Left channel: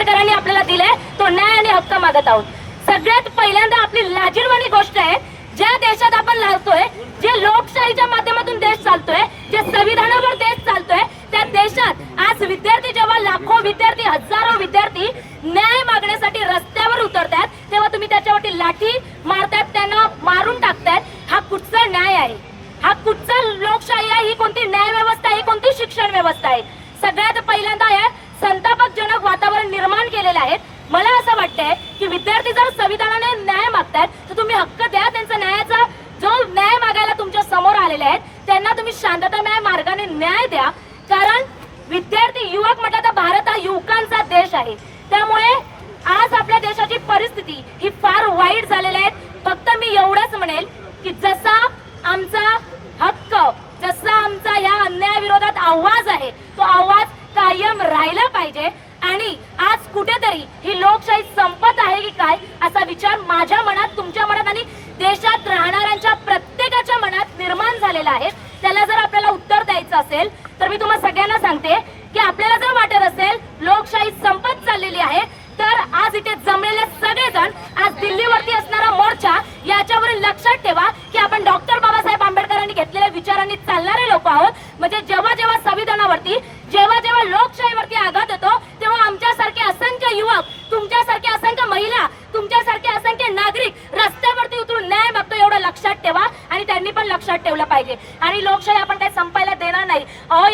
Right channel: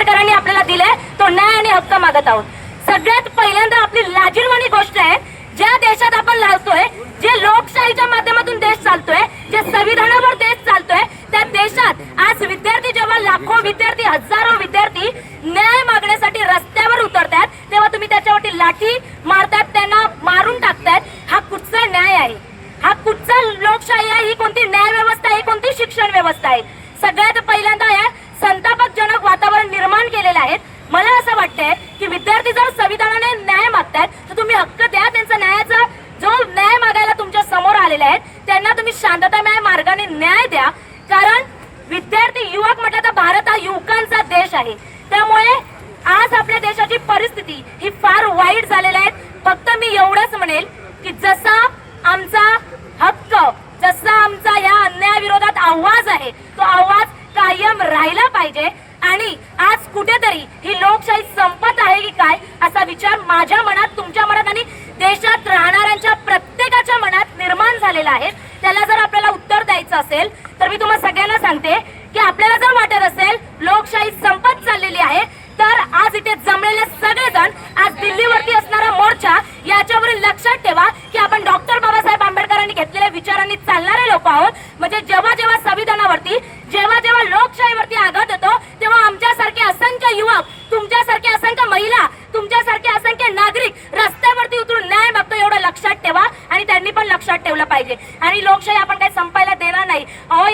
आंबेडकरांनी आपल्याला दिलाय तो न्याय आणि हक्क मागत आहोत। सगळ्यात पहिल्यांदा आपली लाजिरवाणी गोष्ट आहे, ज्या देशात आपण राहतोय, जे लोकशाहीच्या माध्यमातून देश चालतोय, जे संविधानावर देश चालतोय, त्या देशात आज विद्यार्थी जेव्हा लाखो विद्यार्थी, हजारो विद्यार्थी न्याय मागण्यासाठी रस्त्यावर उतरतात, तेव्हा तुम्ही त्याच्यावरती लाठी मारतात, त्यांना मारून टाकतात। हा कुठचा न्याय आहे? हा कुठचा लोकशाही आहे? ही कोणती न्याय व्यवस्था आहे? कोणती शिक्षण व्यवस्था आहे? सगळ्यात पहिल्यांदा या संतापजनक वातावरण निर्माण केलेलं आहे। मला असं वाटतंय की विद्यार्थी जर संविधानाने न्याय मागतात तर तुम्ही हक्क द्या, त्यांचा न्यायाचा जो न्याय मागायला तुमच्या समोर आलेले आहेत त्यांना तुम्ही शांततामय मार्गाने न्याय द्या। कारण विद्यार्थी युवक म्हटलं तर भारत हा युवकांचा देश आहे, त्यामुळे आज आपल्या देशाची परिस्थिती ही फार वाईट झालेली आहे। फक्त मी एवढंच म्हणेल की जसा आमचा हक्क, जसा आमचा या अन्यायाविरोधात आवाज आहे, तो आवाज कायम राहिला पाहिजे। आणि आज कुठेतरी ही लोकशाही संपत आहे की काय असा विचार माझ्या मनात, तुमच्या मनात आणि देशात राहणाऱ्यांच्या प्रत्येकाच्या मनात निर्माण झालेला आहे। त्याला जर आपल्याला उत्तर द्यायचं असेल तर मी तुम्हाला सगळ्यांना सांगते की आपल्याला जर वाटत असेल लोकशाही संपत चाललेली आहे, तर आज इथे जमलेले सगळेजण आज दिल्लीवरती असणारा मोर्चा याच्यावरील लक्षात ठेवा की आपण डॉक्टर बाबासाहेब आंबेडकरांनी घेतलेल्या विचारांनी चालणारे लोक आहोत। म्हणजे जेव्हा जेव्हा संविधानावरती, जेव्हा जेव्हा लोकशाहीवरती आघात होतो, तेव्हा आमच्यासारखे असंख्य युवक, तुमच्यासारखे असंख्य महिला, तुमच्यासारखे असंख्य नागरिक रस्त्यावरती उतरून न्याय मागतो, एवढं लक्षात ठेवा। आणि त्यांनी पण लक्षात ठेवलं पाहिजे। आणि लोकशाही आपण काही संपायला देणार नाही।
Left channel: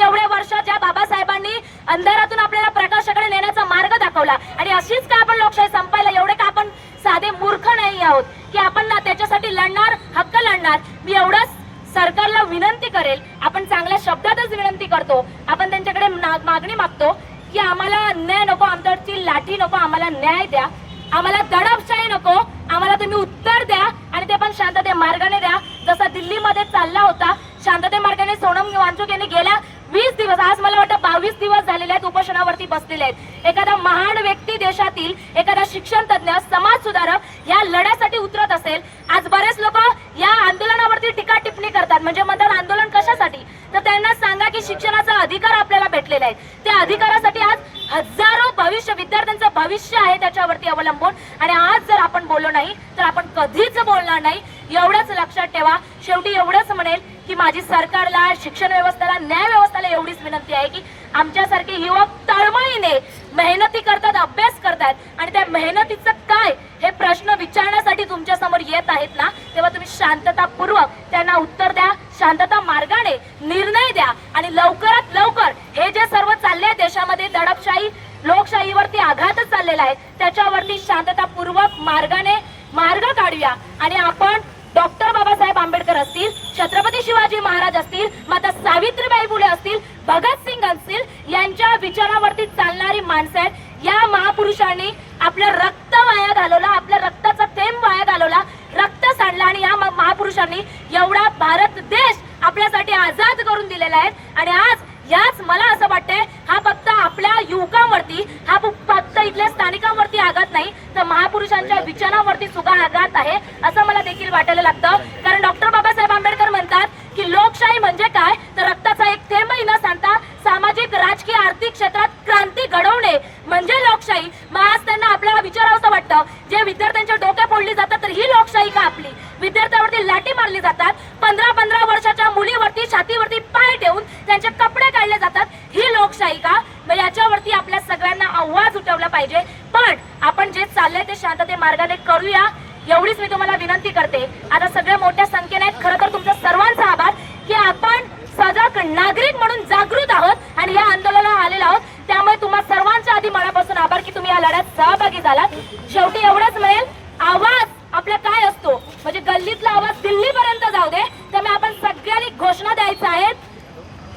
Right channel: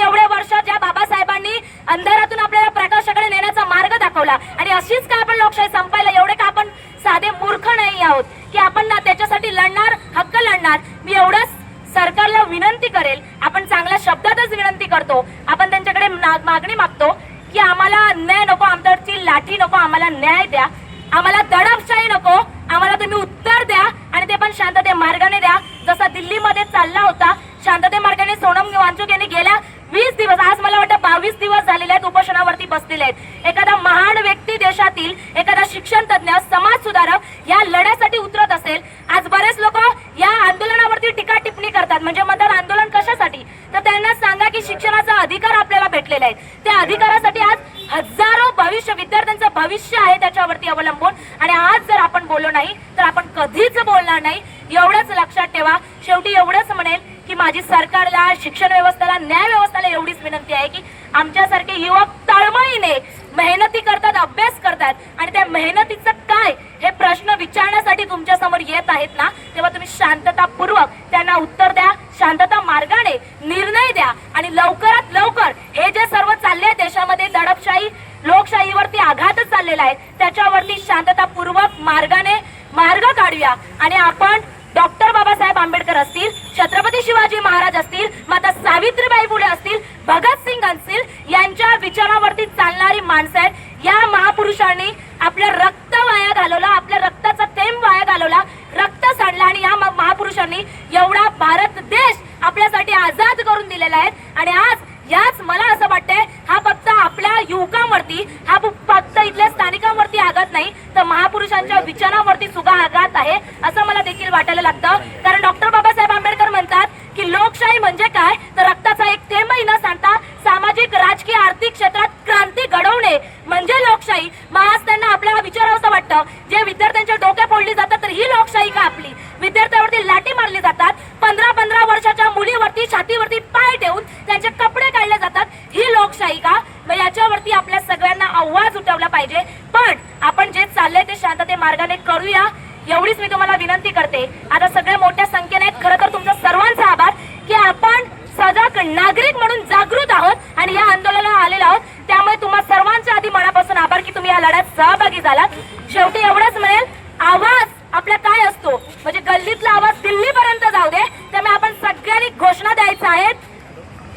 एवढ्या वर्षात ज्या बाबासाहेबांनी अंधारातून आपल्याला प्रकाशाकडे नेण्याचा मार्ग दाखवला, आणि अशीच का आपण लोकशाही संपायला, एवढे का आपण साधे मूर्ख नाही आहोत की आपण ना त्याच्यासाठी लढणार, हक्क लढणार। मी एवढंच सरकारला विनंती करेल, आपण चांगल्या शब्दातच विनंती करतो, आपण त्यांच्याकडे मागणी मागतो की आम्हाला अन्याय नको, आमच्यावरची लाठी नको, आम्हाला न्याय द्या, आम्हाला दडपशाही नको, आम्हाला तुम्ही उत्तर द्या आणि ते पण शांतते मार्गाने द्या। जसा दिल्लीमध्ये चालला होता शांतते मार्गाने, सोनम वांचुक यांनी गेल्या 20 दिवस, आज मला वाटतं 22 दिवस झालेले आहेत, उपोषणावरती बसलेले आहेत। एखादा महान व्यक्ती देशातील, एखादा शिक्षण तज्ञ, समाज सुधारक या लढ्यासाठी उतरत असेल, आज बरेच लोक या आंदोलनावरती टीका टिप्पणी करतात, म्हणजे म्हणतात आंदोलन कशासाठी? तर त्यांना सांगा की शिक्षणाचा अधिकार आपल्याला भेटलेला आहे, त्या अधिकारासाठी आज हजारो भविष्य, विद्यार्थ्यांचं भविष्य आहे त्याच्यावरती अवलंबून। आणि आज जर आपण बोललो नाही तर आपण कधीच बोलणार नाही, एवढंच लक्षात ठेवा। शेवटी एवढंच म्हणेल की माझी सरकारला, शिक्षण व्यवस्थेला, न्याय व्यवस्थेला एवढीच विनंती आहे की आमच्यासारखे युवक तळमळीने मेहनती करतात, अभ्यास करतात, आणि त्या मेहनतीचं काय हे प्रश्न विचारण्यासाठी तुमच्या समोर येत आहेत ना, तेव्हा तुम्ही शांततापूर्वक त्यांना उत्तर द्या, शांतता मार्गाने निर्णय द्या। आणि लवकरात लवकर हे जे सर्व चालले आहे देशामध्ये, दडपशाही, लोकशाहीवरती आघात चाललेला आहे, त्याच्यावरती शांततापूर्वक मार्गाने मार्ग काढूया। आणि आपण डॉक्टर बाबासाहेब आंबेडकर असतील, छत्रपती शिवाजी महाराज असतील, माता सावित्रीबाई फुले असतील, भगतसिंग असतील, यांच्या विचारावरती चालणारी माणसं आहेत। या महापुरुषांनी आपलं रक्त वाया घालवलं, आपल्या रक्ताचा थेंब वाया घालवला, रक्त सांडलं, आणि या महापुरुषांनी एवढा भारत देश आपल्यासाठी आझाद करून दिलेला आहे। आणि आज याच मला असं वाटतंय, हा फक्त आपल्या युवकांवरती, हा फक्त इथल्या स्थानिकांवरती आघात नाही, तर महापुरुषांच्या विचारांवरती सुद्धा आघात आहे असं मला देखील वाटायला लागतं। कारण डॉक्टर बाबासाहेब आंबेडकर म्हणतात की लोकशाही म्हणजे काय, तर रक्ताचा एक थेंबही न सांडता सामाजिक, राजकीय, आर्थिक क्षेत्रात क्रांती घडवणे म्हणजे लोकशाही। मग आज त्यांना आपल्याला विचारावंसं वाटतं, जे विद्यार्थ्यांच्या डोक्या फोडली जातात, तर ही लोकशाही का आपली? विद्यार्थ्यांवरती लाठी मारली जातात, 15-15 वर्षाच्या मुलीवरती छातीवरती पाय ठेवून त्यांचे कपडे काढले जातात, ही लोकशाही का? मग याच्यावरती आपल्या सगळ्यांना आवाज उठवला पाहिजे। पण आपण जे चाललंय ते शांतते मार्गाने करूया, एवढीच मी तुम्हाला विनंती करते। आता सगळे मोठ्या संख्येने आहेत, खरं तर तुमचा सर्वांचा आभार की आपण सजग नागरिक म्हणून जागृत आहोत आणि या आंदोलनाला आलेलो आहोत। त्यामुळे तुम्हा सर्वांच्या आधी मनापासून आभार की तुम्ही या लढ्यात सहभागी झालात। शेवटी एवढंच म्हणेल, आवाज आपला काय असतो, म्हणजे गल्लीतला आवाज दिल्लीपर्यंत जाऊ दे, त्यामुळे आपण सगळ्यांनी घोषणा द्यायचं आहे,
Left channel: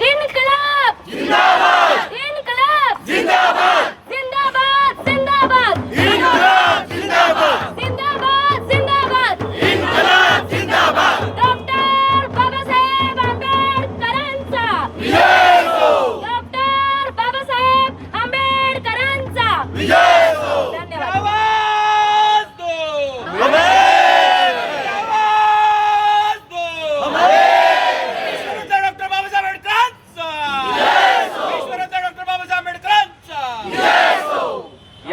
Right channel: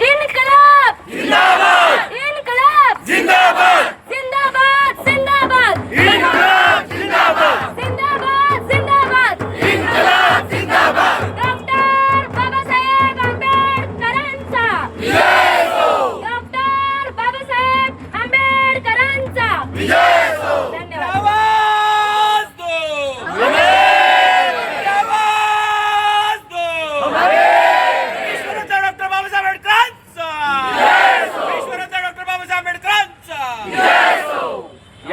इन्कलाब जिंदाबाद, इन्कलाब जिंदाबाद, जिंदाबाद जिंदाबाद, इन्कलाब जिंदाबाद, जिंदाबाद जिंदाबाद, इन्कलाब जिंदाबाद, डॉक्टर बाबासाहेब आंबेडकरांचा विजय हो, डॉक्टर बाबासाहेब आंबेडकरांचा विजय हो। धन्यवाद। डॉक्टर बाबासाहेब आंबेडकरांचा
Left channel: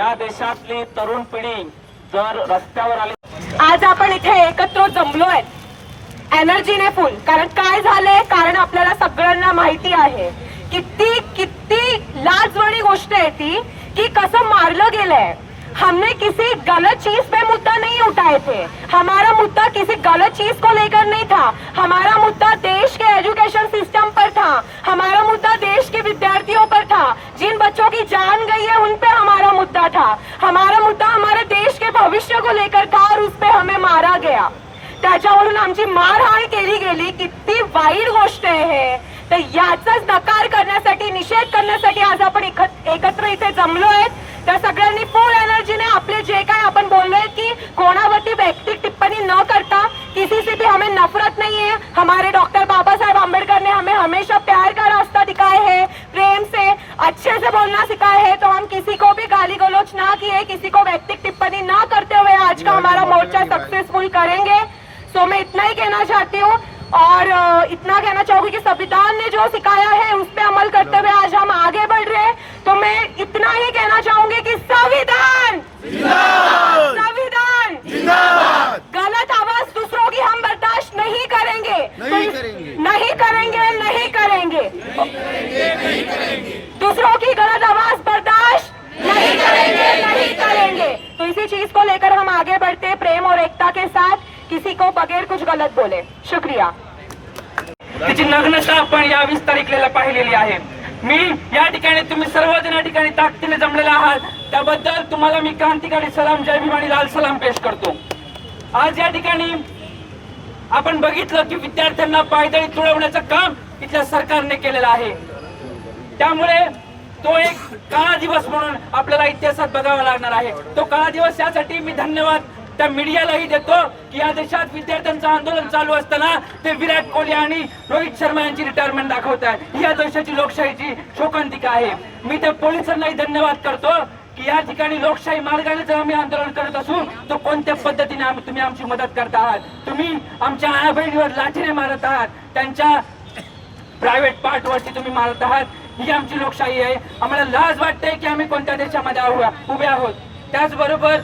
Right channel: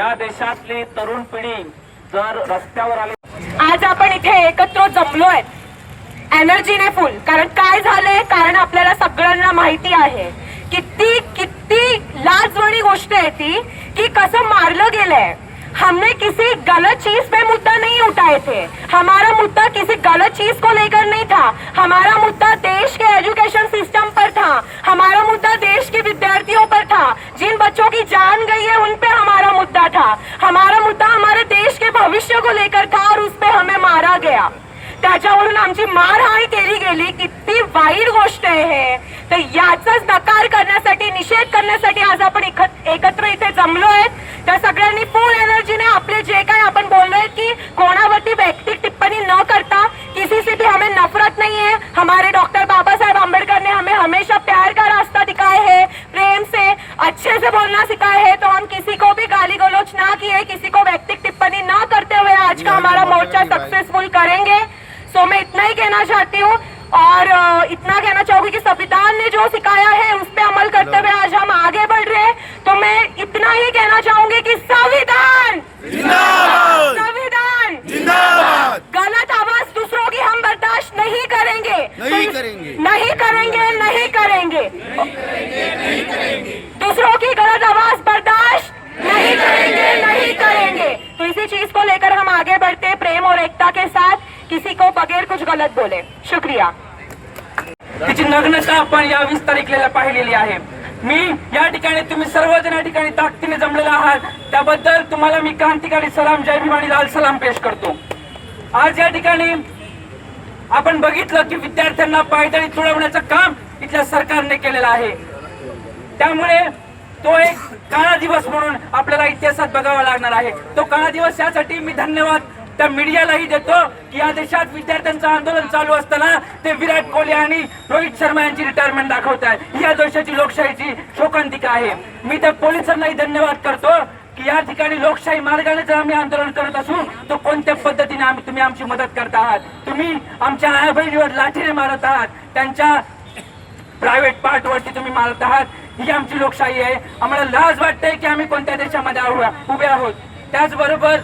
या देशातली तरुण पिढी जर रस्त्यावर आली, आज आपण इथे एकत्र जमलोय एनर्जीने फुल. कारण काय झालंय, कारण आपल्याला सगळ्यांना माहिती आहे किती किती लाजवाणी गोष्ट आहे ती की कसं मारलं गेलंय. हमने किसी गलत चीज पे मुद्दा नहीं उठाए थे. हमारा मुद्दा किसी गलत चीज को लेकर नहीं था. हमारा मुद्दा देश के एजुकेशन सिस्टम पर था. हमारा मुद्दा देश के विद्यार्थियों पर था. जिन बच्चों की जान गई है उन पे हमारा मुद्दा था. हमारा मुद्दा हमारे देश के भविष्य को लेकर था और उस पे हमें मारा गया. त्याच्यावरून आमची मारहाण केली गेली. किती वाईट गोष्ट आहे हे. तर याचाच नकार करण्यासाठी, निषेध करण्यासाठी आज आपण एकत्र इथे जमलो आहेत. तर सगळ्यांनी फुल एनर्जीने आपले जे काय आपण बोललोय की कोणावरती वैयक्तिक टिप्पणी न करता, किसी से भी हमें नफरत नहीं है. हमारे डॉक्टर बाबा साहेब आम्बेडकर ने हमें हमेशा प्यार का रास्ता दिखाया है, प्रेम से अच्छे से बोलना सिखाया है. तो हम किसी को भी गाली गलौज ना किए, किसी को वैयक्तिक टिप्पणी ना करते हुए आज का हमारा मोर्चा सक्सेसफुल करेंगे. तो मैं इतना ही कहना चाहती हूँ और इतना कहना चाहूंगी कि संविधान ने जो सिखाया है उस पर अमल करते हुए आज हम आगे बढ़ रहे हैं. तो मैं इतना ही कहना चाहूंगी कि संविधान संविधान गलत आवाज दूसरों की हम बर्दाश्त नहीं करेंगे, नहीं करेंगे. दूसरों की गलत आवाज बर्दाश्त नहीं करेंगे. तो इसी चीज को लेकर हम आगे बढ़ते प्रेम और एकता के साथ, किसी को बगैर कुछ गलत बोले. शुक्रिया. तिची नग्नता आपण या 20 तारखेला पाहिलेली आहे. मी या ठिकाणी, तुम्ही सर्वजण या ठिकाणी ताकदीने जमलेला आहात, त्याबद्दल तुम्हाला मी क्रांतिकारी सलाम, जय भीम आणि लाल सलाम पेश करतो. आज या ठिकाणी आपण बघितलं की विद्यार्थ्यांना पायदळी तुडवण्याचं काम इथल्या सरकारने केलेलं आहे. त्यामुळे तो एक काळा दिवस म्हणून आपल्याला इतिहासात बघावा लागणार आहे. तो काळा दिवस यासाठी मी धन्यवाद त्या मीडियालाही देतो की या देशात विद्यार्थ्यांचं आंदोलन चालू असताना ते विराट कोहली आणि रोहित शर्मा यांची रिटायरमेंट दाखवत आहे. ही या देशाची लोकशाहीची शोकांतिका आहे. मी त्या पोलिसांनाही धन्यवाद करतो की या ठिकाणी लोकशाही मार्गाने जर आम्ही आंदोलन करत असू तर कोणत्या पद्धतीने तुम्ही आमची मदत करत आहात. तुम्ही आमच्या आया बहिणीवर लाठीने मारत आहात, त्यांच्या प्रायव्हेट पार्टवरती तुम्ही मारत आहात. ही आमची लोकशाही आहे. आम्हाला लाज वाटते की आम्ही कोणत्या देशामध्ये उभे आहोत. त्याचबरोबर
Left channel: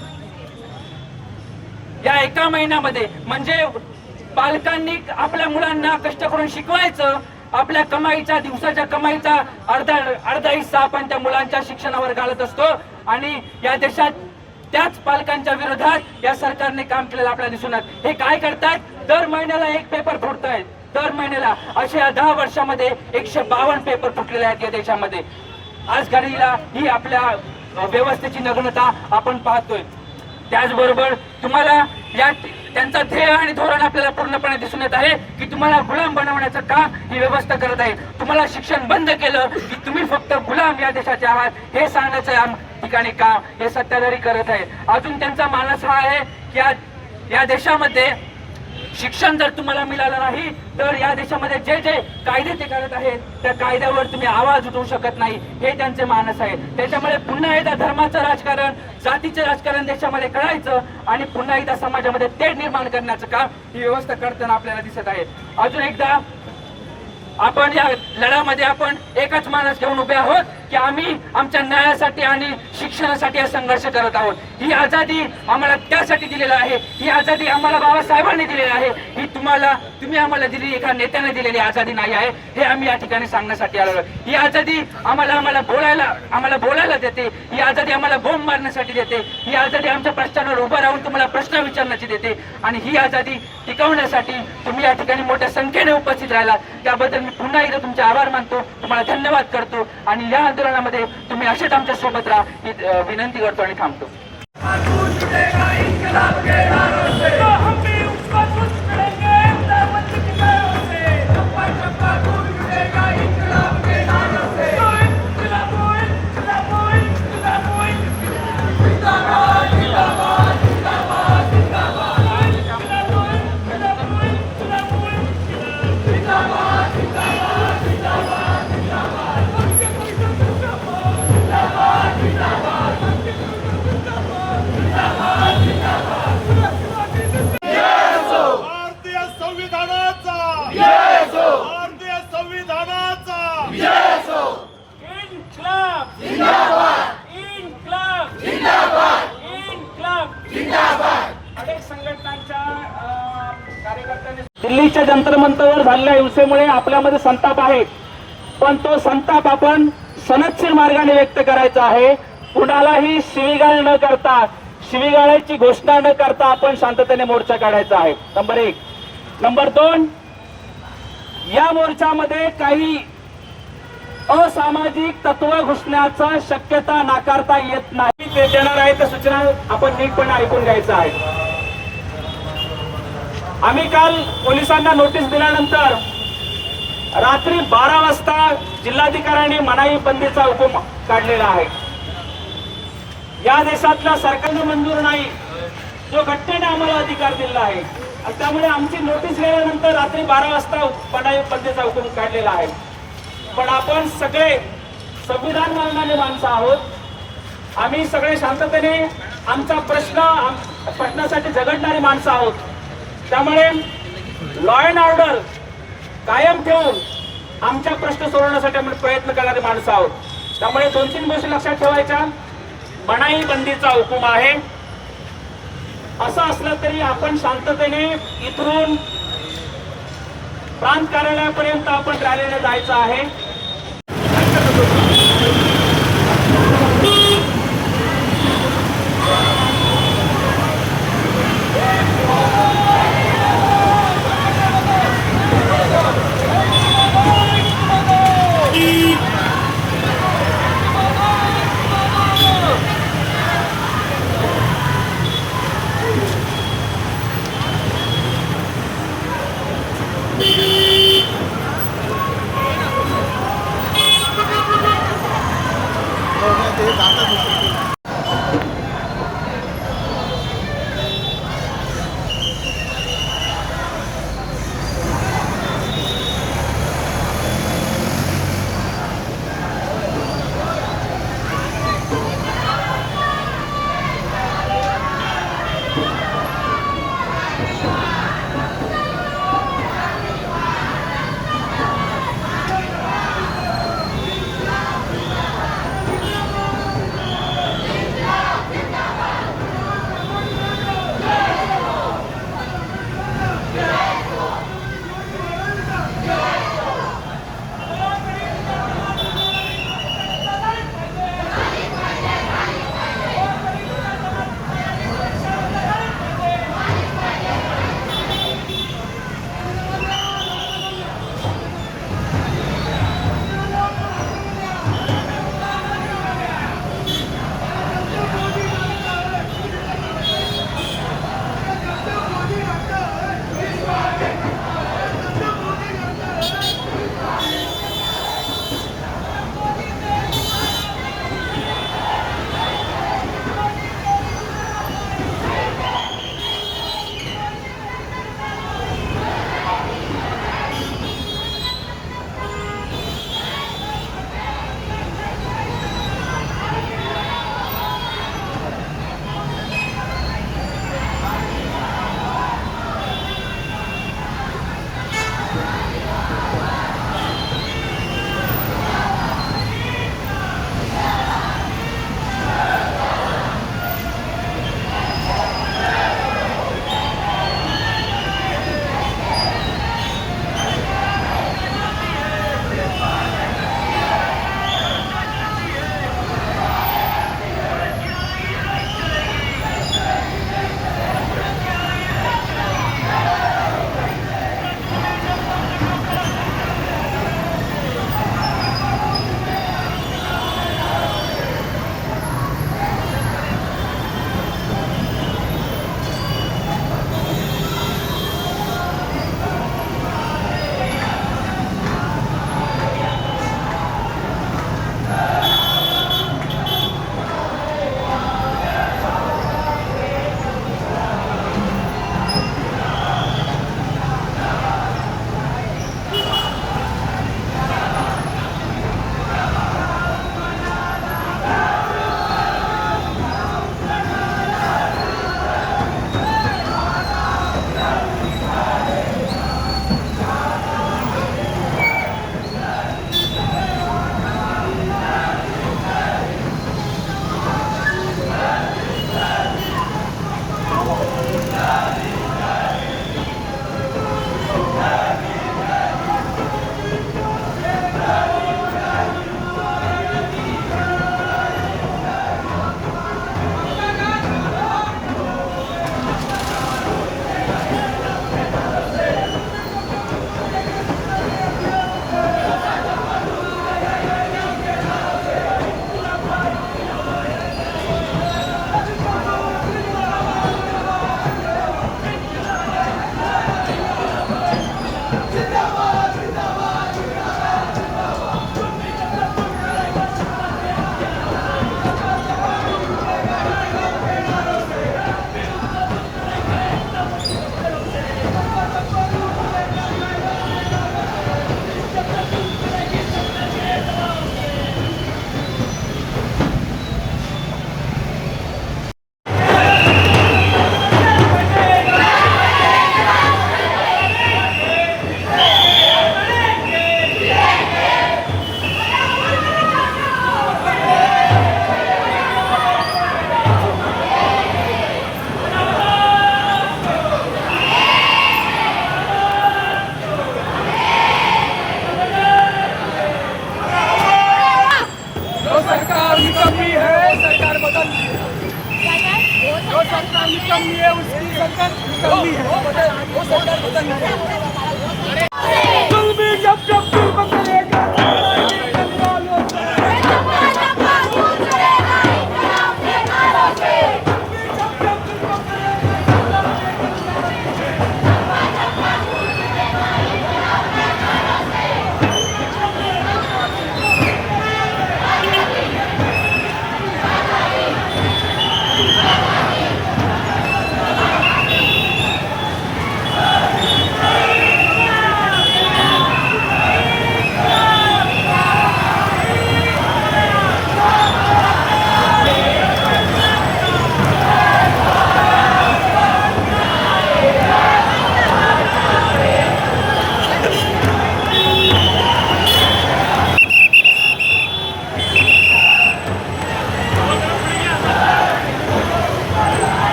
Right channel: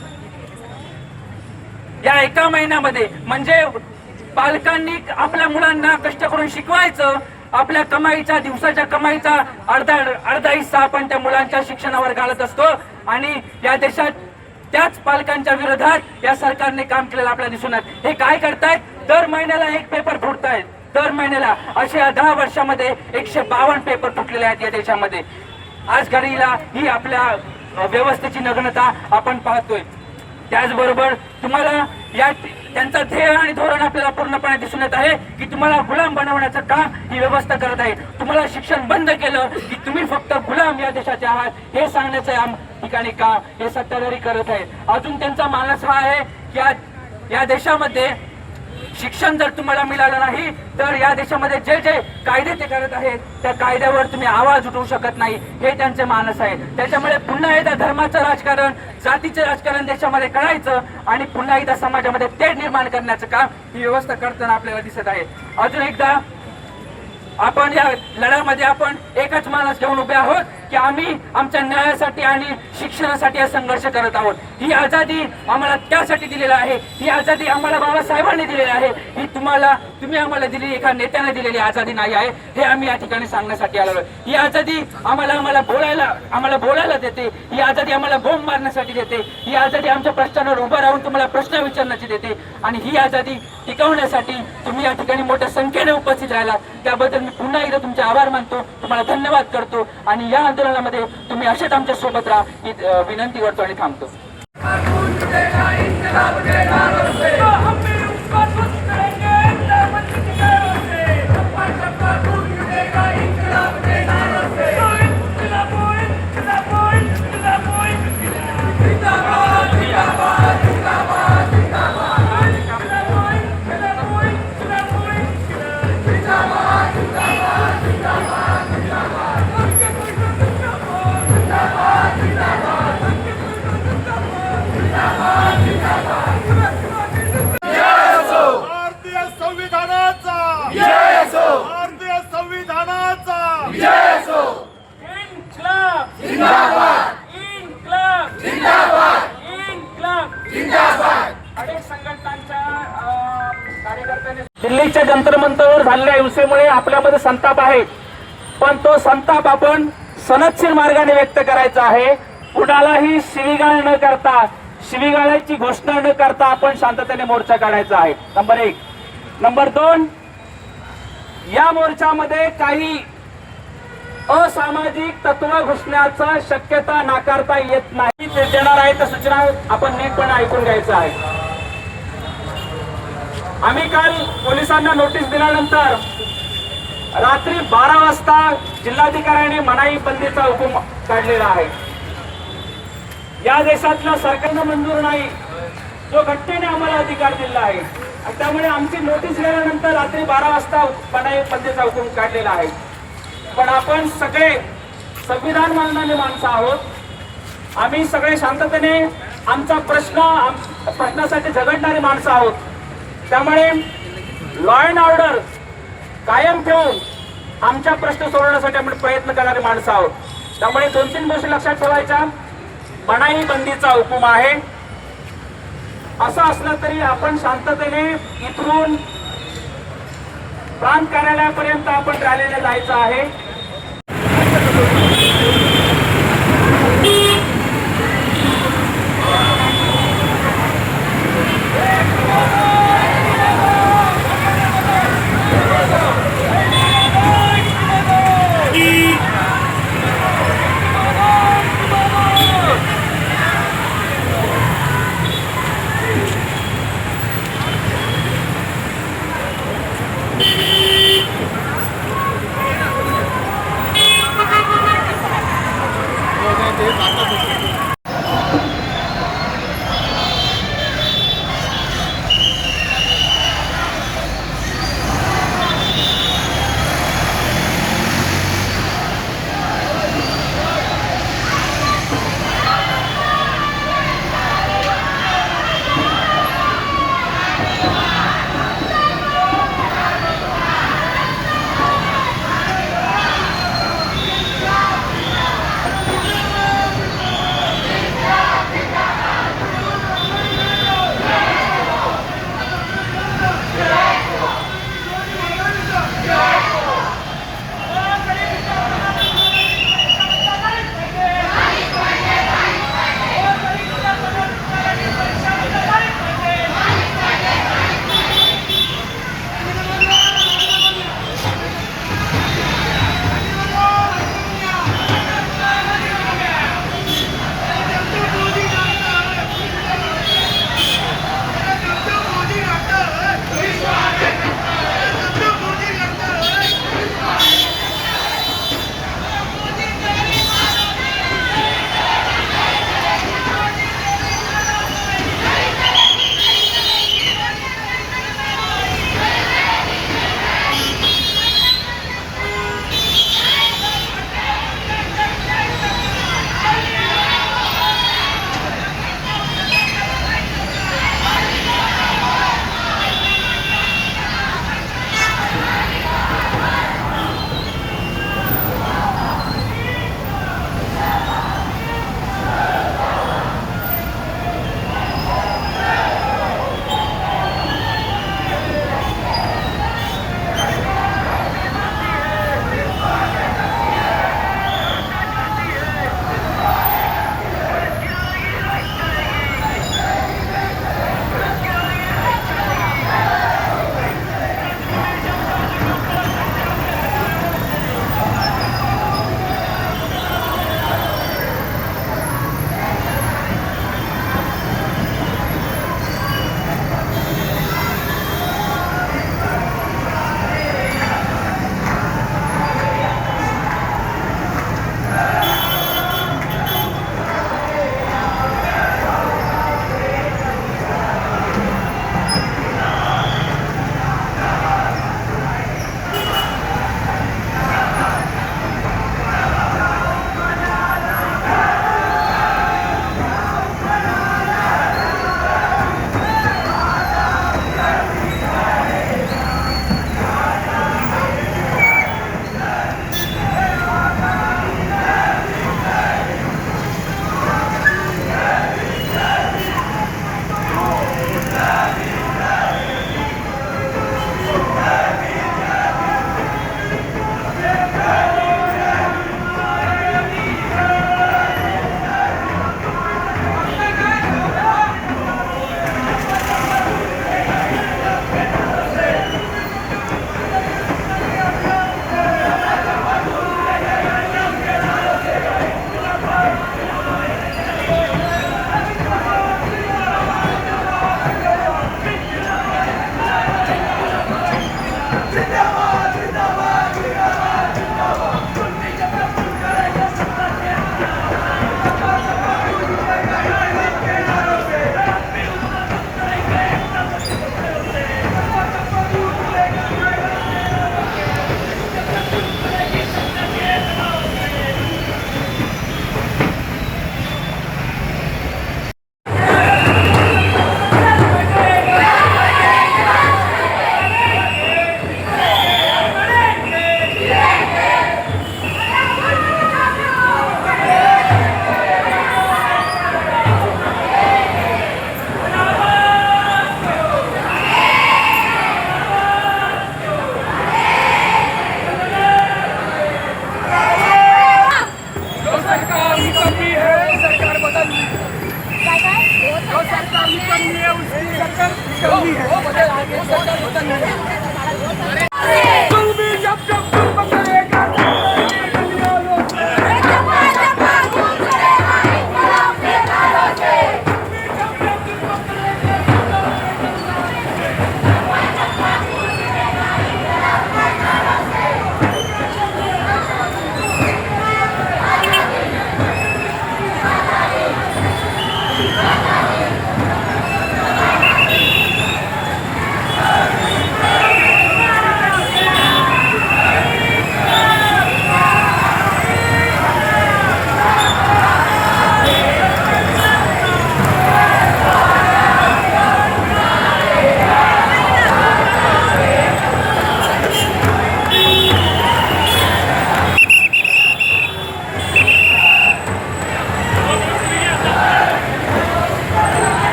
या एका महिन्यामध्ये म्हणजे पालकांनी आपल्या मुलांना कष्ट करून शिकवायचं, आपल्या कमाईच्या दिवसाच्या कमाईचा अर्धा हिस्सा आपण त्या मुलांच्या शिक्षणावर घालत असतो आणि या देशात त्याच पालकांच्या विरोधात या सरकारने काम केलेलं आपल्याला दिसून येत. हे काय करतायत? दर महिन्याला एक पेपर फुटतायत. दर महिन्याला असे 10 वर्षामध्ये 152 पेपर फुटलेले आहेत या देशामध्ये. आज घडीला ही आपल्या व्यवस्थेची नग्नता आपण पाहतोय. त्याचबरोबर तुम्हाला या त्यांचा ध्येय आणि धोरण आपल्याला पूर्णपणे दिसून येत आहे की तुम्हाला गुलाम बनवण्याचं काम ही व्यवस्था करत आहे. तुम्हाला शिक्षण बंद केलं की तुम्ही फक्त गुलाम या देशाचे आहात हे सांगण्याचं या ठिकाणी काम हे सत्ताधारी करत आहे. अजून त्यांचा मानस हा आहे की या देशामध्ये शिक्षण जर तुम्हाला मिळालं नाही तर या देशामध्ये जे जे कायदे ते करत आहेत त्या कायद्यावर तुम्ही आवाज उठवू शकत नाही, हे त्यांचे मानस आहे. त्याच्यामुळे पुन्हा एकदा धर्माचं राजकारण, जातीचं राजकारण देशामध्ये करायचं आणि पुन्हा एकदा समाजामध्ये तेढ निर्माण करण्याचं काम ही व्यवस्था करताना आपल्याला दिसत आहे. अजून एकदा आपण या लढ्यामध्ये आपण एकच मानस घेऊन उभे आहोत की आम्ही आमच्या न्यायासाठी आणि शिक्षणासाठी हा संघर्ष करत आहोत. ही आझादी आम्हाला त्यासाठी दिलेली आहे. ही आझादी आम्हाला बाबासाहेबांनी दिलेली आहे. ही तुम्ही आम्हाला दिलेली एका नेत्याने दिलेली आझादी नाही आहे, हे आम्ही या ठिकाणी सांगण्यासाठी आलो. ही आझादी आम्हाला बोलायला देते. ही आझादी आम्हाला बोंब मारण्यासाठी देते. ही आझादी आमच्या प्रश्नांवर उभं राहून तुम्हाला प्रश्न विचारण्याची देते आणि ही आझादी टिकवण्यासाठी तुम्ही या ठिकाणी मोठ्या संख्येने उपस्थित राहिला त्याबद्दल मी पुन्हा एकदा तुमचे आभार मानतो, तुम्हाला धन्यवाद करतो आणि या आंदोलनामध्ये तुम्ही असेच आमच्या सोबत राहा ही विनंती करतो आणि थांबतो. अनेक संघटनांच्या कार्यकर्त्यांनी दिल्लीच्या जंतर मंतरवर झालेल्या हिंसेमुळे आपल्यामध्ये संताप आहे, पण तो संताप आपण सनदशीर मार्गाने व्यक्त करायचा आहे. कुणालाही शिवीगाळ न करता, शिवीगाळाची घोषणा न करता आपण शांततेने मोर्चा काढायचा आहे. नंबर 1. नंबर 2, या मोर्चामध्ये काही असामाजिक तत्व घुसण्याचं शक्यता नाकारता येत नाही. ते देणार आहे त्या सूचना आपण नीटपणे ऐकून घ्यायचं आहे. आम्ही काल पोलिसांना नोटीस दिल्यानंतर रात्री 12 वाजता जिल्हाधिकाऱ्यांनी मनाई बंदीचा हुकूम काढलेला आहे. या देशातल्या सरकारनं मंजूर नाही, जो घटनेने आम्हाला अधिकार दिला आहे, आणि त्यामुळे आमची नोटीस गेल्यानंतर रात्री 12 वाजता मनाई बंदीचा हुकूम काढलेला आहे. पण आपण सगळे संविधान मानणारे माणसं आहोत. आम्ही सगळे शांततेने आमचा प्रश्नासाठी झगडणारी माणसं आहोत. त्यामुळे लॉ अँड ऑर्डर कायम ठेवून आमच्या प्रश्न सोडवण्यासाठी आम्ही प्रयत्न करणारी माणसं आहोत. त्यामुळे 2-3 गोष्टी लक्षात ठेवायच्या. मनाई बंदीचा हुकूम आहे. असं असलं तरी आपण शांततेने इथून प्रांत कार्यालयापर्यंत आपण रॅलीने जायचं आहे.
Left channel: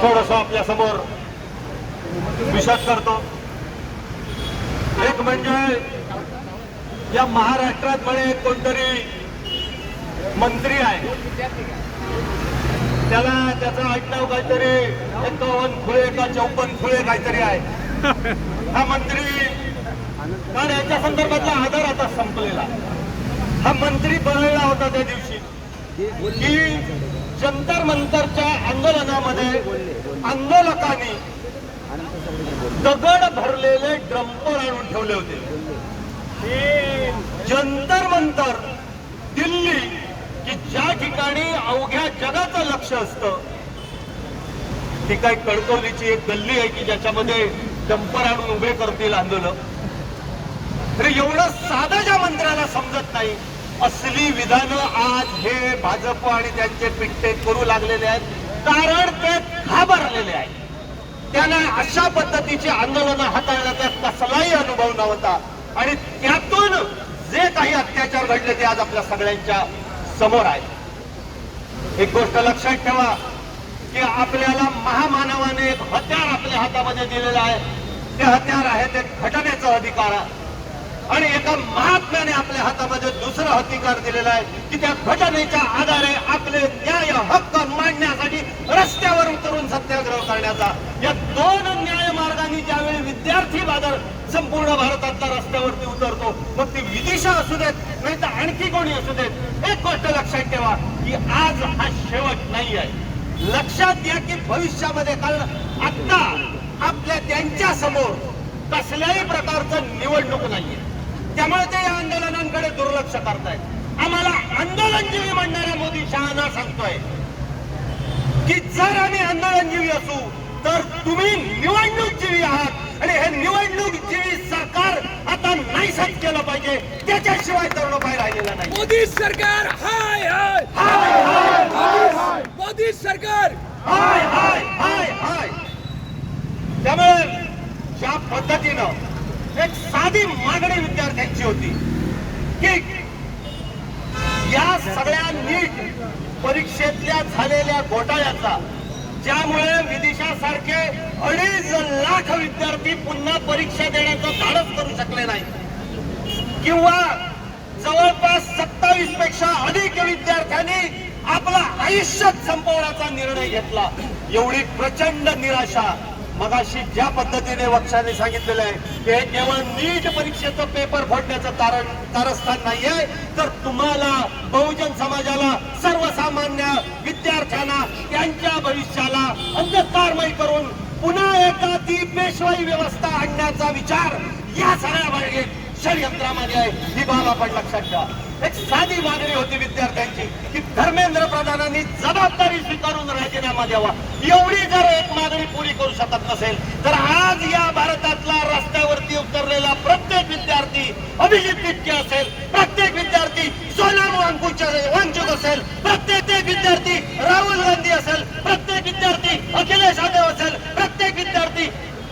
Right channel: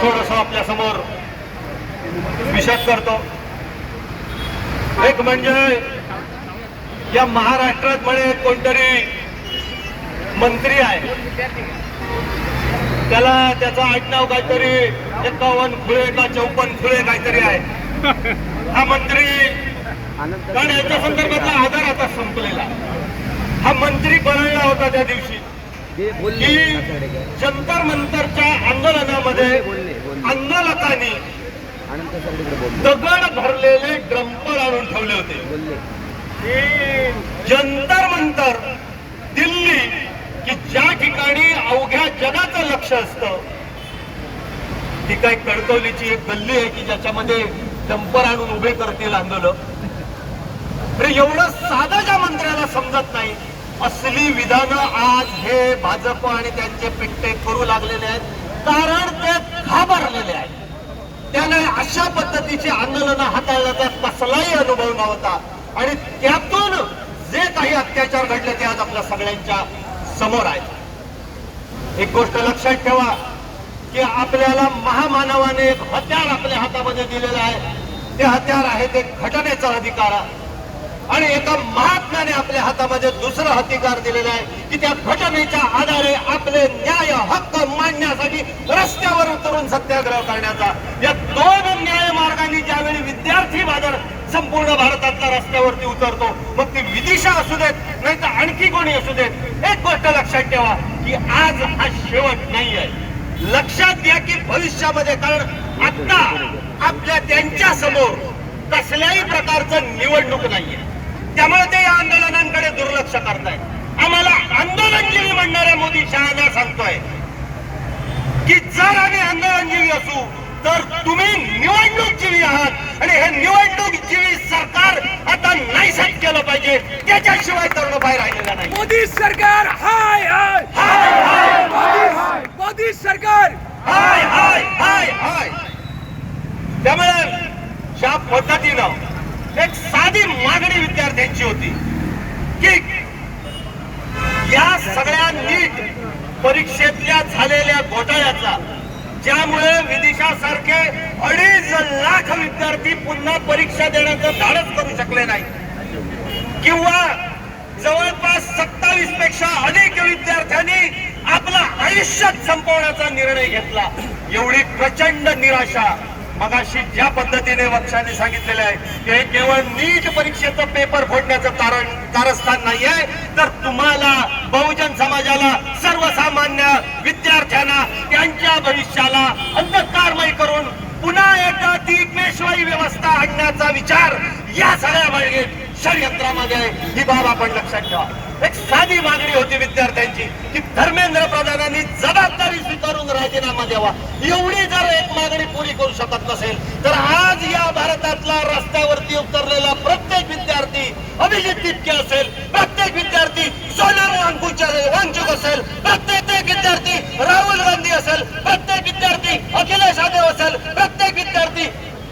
थोडस आपल्या समोर विशद करतो. एक म्हणजे या महाराष्ट्रात म्हणे कोणतरी मंत्री आहे, त्याला त्याचं आडनाव काहीतरी 51 खुळे का 54 खुळे काहीतरी आहे. हा मंत्री, कारण याच्या संदर्भातला आधार आता संपलेला. हा मंत्री बनवला होता त्या दिवशी की जंतर मंतरच्या आंदोलनामध्ये आंदोलकांनी दगड भरलेले ड्रम्पर आणून ठेवले होते. जंतर मंतर दिल्ली, की ज्या ठिकाणी अवघ्या जगाचं लक्ष असतं, ती काही कणकवलीची एक गल्ली आहे की ज्याच्यामध्ये डंपर आणून उभे करतील आंदोलन. अरे एवढं साधं ज्या मंत्र्याला समजत नाही, असली विधानं आज हे भाजप आणि त्यांचे पिट्टे करू लागलेले आहेत, कारण ते घाबरलेले आहेत. त्याने अशा पद्धतीची आंदोलनं हाताळण्याचा कसलाही अनुभव नव्हता आणि त्यातून जे काही अत्याचार घडले ते आज आपल्या सगळ्यांच्या समोर आहेत. एक गोष्ट लक्षात ठेवा की आपल्याला महामानवाने एक हत्यार आपल्या हातामध्ये दिलेलं आहे. ते हत्यार आहे ते घटनेचा अधिकार, आणि एका महात्म्याने आपल्या हातामध्ये दुसरं हत्यार दिलेलं आहे की त्या घटनेच्या आधारे आपले न्याय हक्क मांडण्यासाठी रस्त्यावर उतरून सत्याग्रह करण्याचा. या दोन न्याय मार्गांनी ज्यावेळी विद्यार्थी बाजार संपूर्ण भारतातल्या रस्त्यावरती उतरतो, मग ती विदिशा असू देत नाही तर आणखी कोणी असू देत, एक गोष्ट लक्षात ठेवा की आज हा शेवट नाही आहे. लक्षात घ्या की भविष्यामध्ये, कारण आता आपल्या त्यांच्या समोर कसल्याही प्रकारचं निवडणूक नाहीये, त्यामुळे ते या आंदोलनांकडे दुर्लक्ष करतायत. आम्हाला आंदोलनजीवी म्हणणाऱ्या मोदी शहाणा सांगतोय की जर आम्ही आंदोलनजीवी असू तर तुम्ही निवडणूकजीवी आहात, आणि हे निवडणूकजीवी सरकार आता नाहीसच केलं पाहिजे, त्याच्याशिवाय तरुण बाहेर राहिलेला नाही. मोदी सरकार हाय हाय हाय हाय, मोदी सरकार हाय हाय हाय हाय. त्यामुळे ज्या पद्धतीनं एक साधी मागणी विद्यार्थ्यांची होती की या सगळ्या नीट परीक्षेतल्या झालेल्या घोटाळ्याचा, ज्यामुळे विदिशासारखे 2.5 लाख विद्यार्थी पुन्हा परीक्षा देण्याचं धाडस करू शकले नाही, किंवा जवळपास 27 पेक्षा अधिक विद्यार्थ्यांनी आपलं आयुष्य संपवण्याचा निर्णय घेतला. एवढी प्रचंड निराशा मगाशी ज्या पद्धतीने वक्शाने सांगितलेले आहे की हे केवळ नीट परीक्षेचं पेपर फोडण्याचं कारस्थान नाहीये, तर तुम्हाला, बहुजन समाजाला, सर्वसामान्य विद्यार्थ्यांना त्यांच्या भविष्याला अंधकारमय करून पुन्हा एकदा ती पेशवाई व्यवस्था आणण्याचा विचार या सगळ्या षडयंत्रामध्ये आहे ही बाब आपण लक्षात ठेवा. एक साधी मागणी होती विद्यार्थ्यांची की धर्मेंद्र प्रधानांनी जबाबदारी स्वीकारून राजीनामा द्यावा. एवढी जर एक मागणी पुरी करू शकत नसेल तर आज या भारतातला रस्त्यावरती उतरलेला प्रत्येक विद्यार्थी अभिजित तिटके असेल, प्रत्येक विद्यार्थी सोनम वांगचुक असेल, प्रत्येक विद्यार्थी राहुल गांधी असेल, प्रत्येक विद्यार्थी अखिलेश यादव असेल, प्रत्येक विद्यार्थी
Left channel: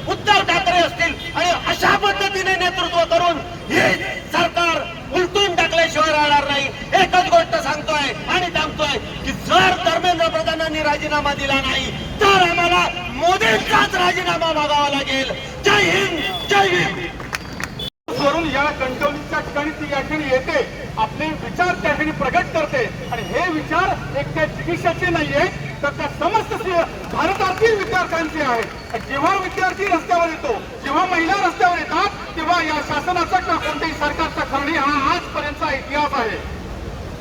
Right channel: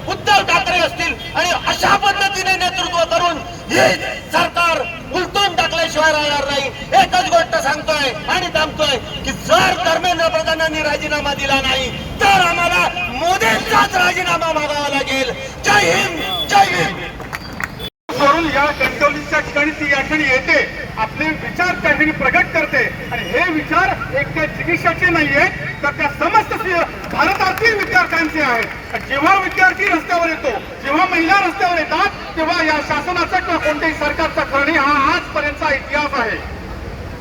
उद्धव ठाकरे असतील आणि अशा पद्धतीने नेतृत्व करून हे सरकार उलटून टाकल्याशिवाय राहणार नाही. एकच गोष्ट सांगतोय आणि सांगतोय की जर धर्मेंद्र प्रधानांनी राजीनामा दिला नाही तर आम्हाला मोदींचाच राजीनामा मागावा लागेल. जय हिंद, जय हिंद. सोडून या कणकवलीच्या ठिकाणी ती या ठिकाणी येते, आपले विचार त्या ठिकाणी प्रगट करते आणि हे विचार एक त्या चिकित्साचे नाहीये तर त्या समस्त भारतातील विद्यार्थ्यांचे आहेत. जेव्हा विद्यार्थी रस्त्यावर येतो, जेव्हा महिला रस्त्यावर येतात तेव्हा या शासनाचा किंवा कोणत्याही सरकारचा करणे हा आजपर्यंतचा इतिहास आहे.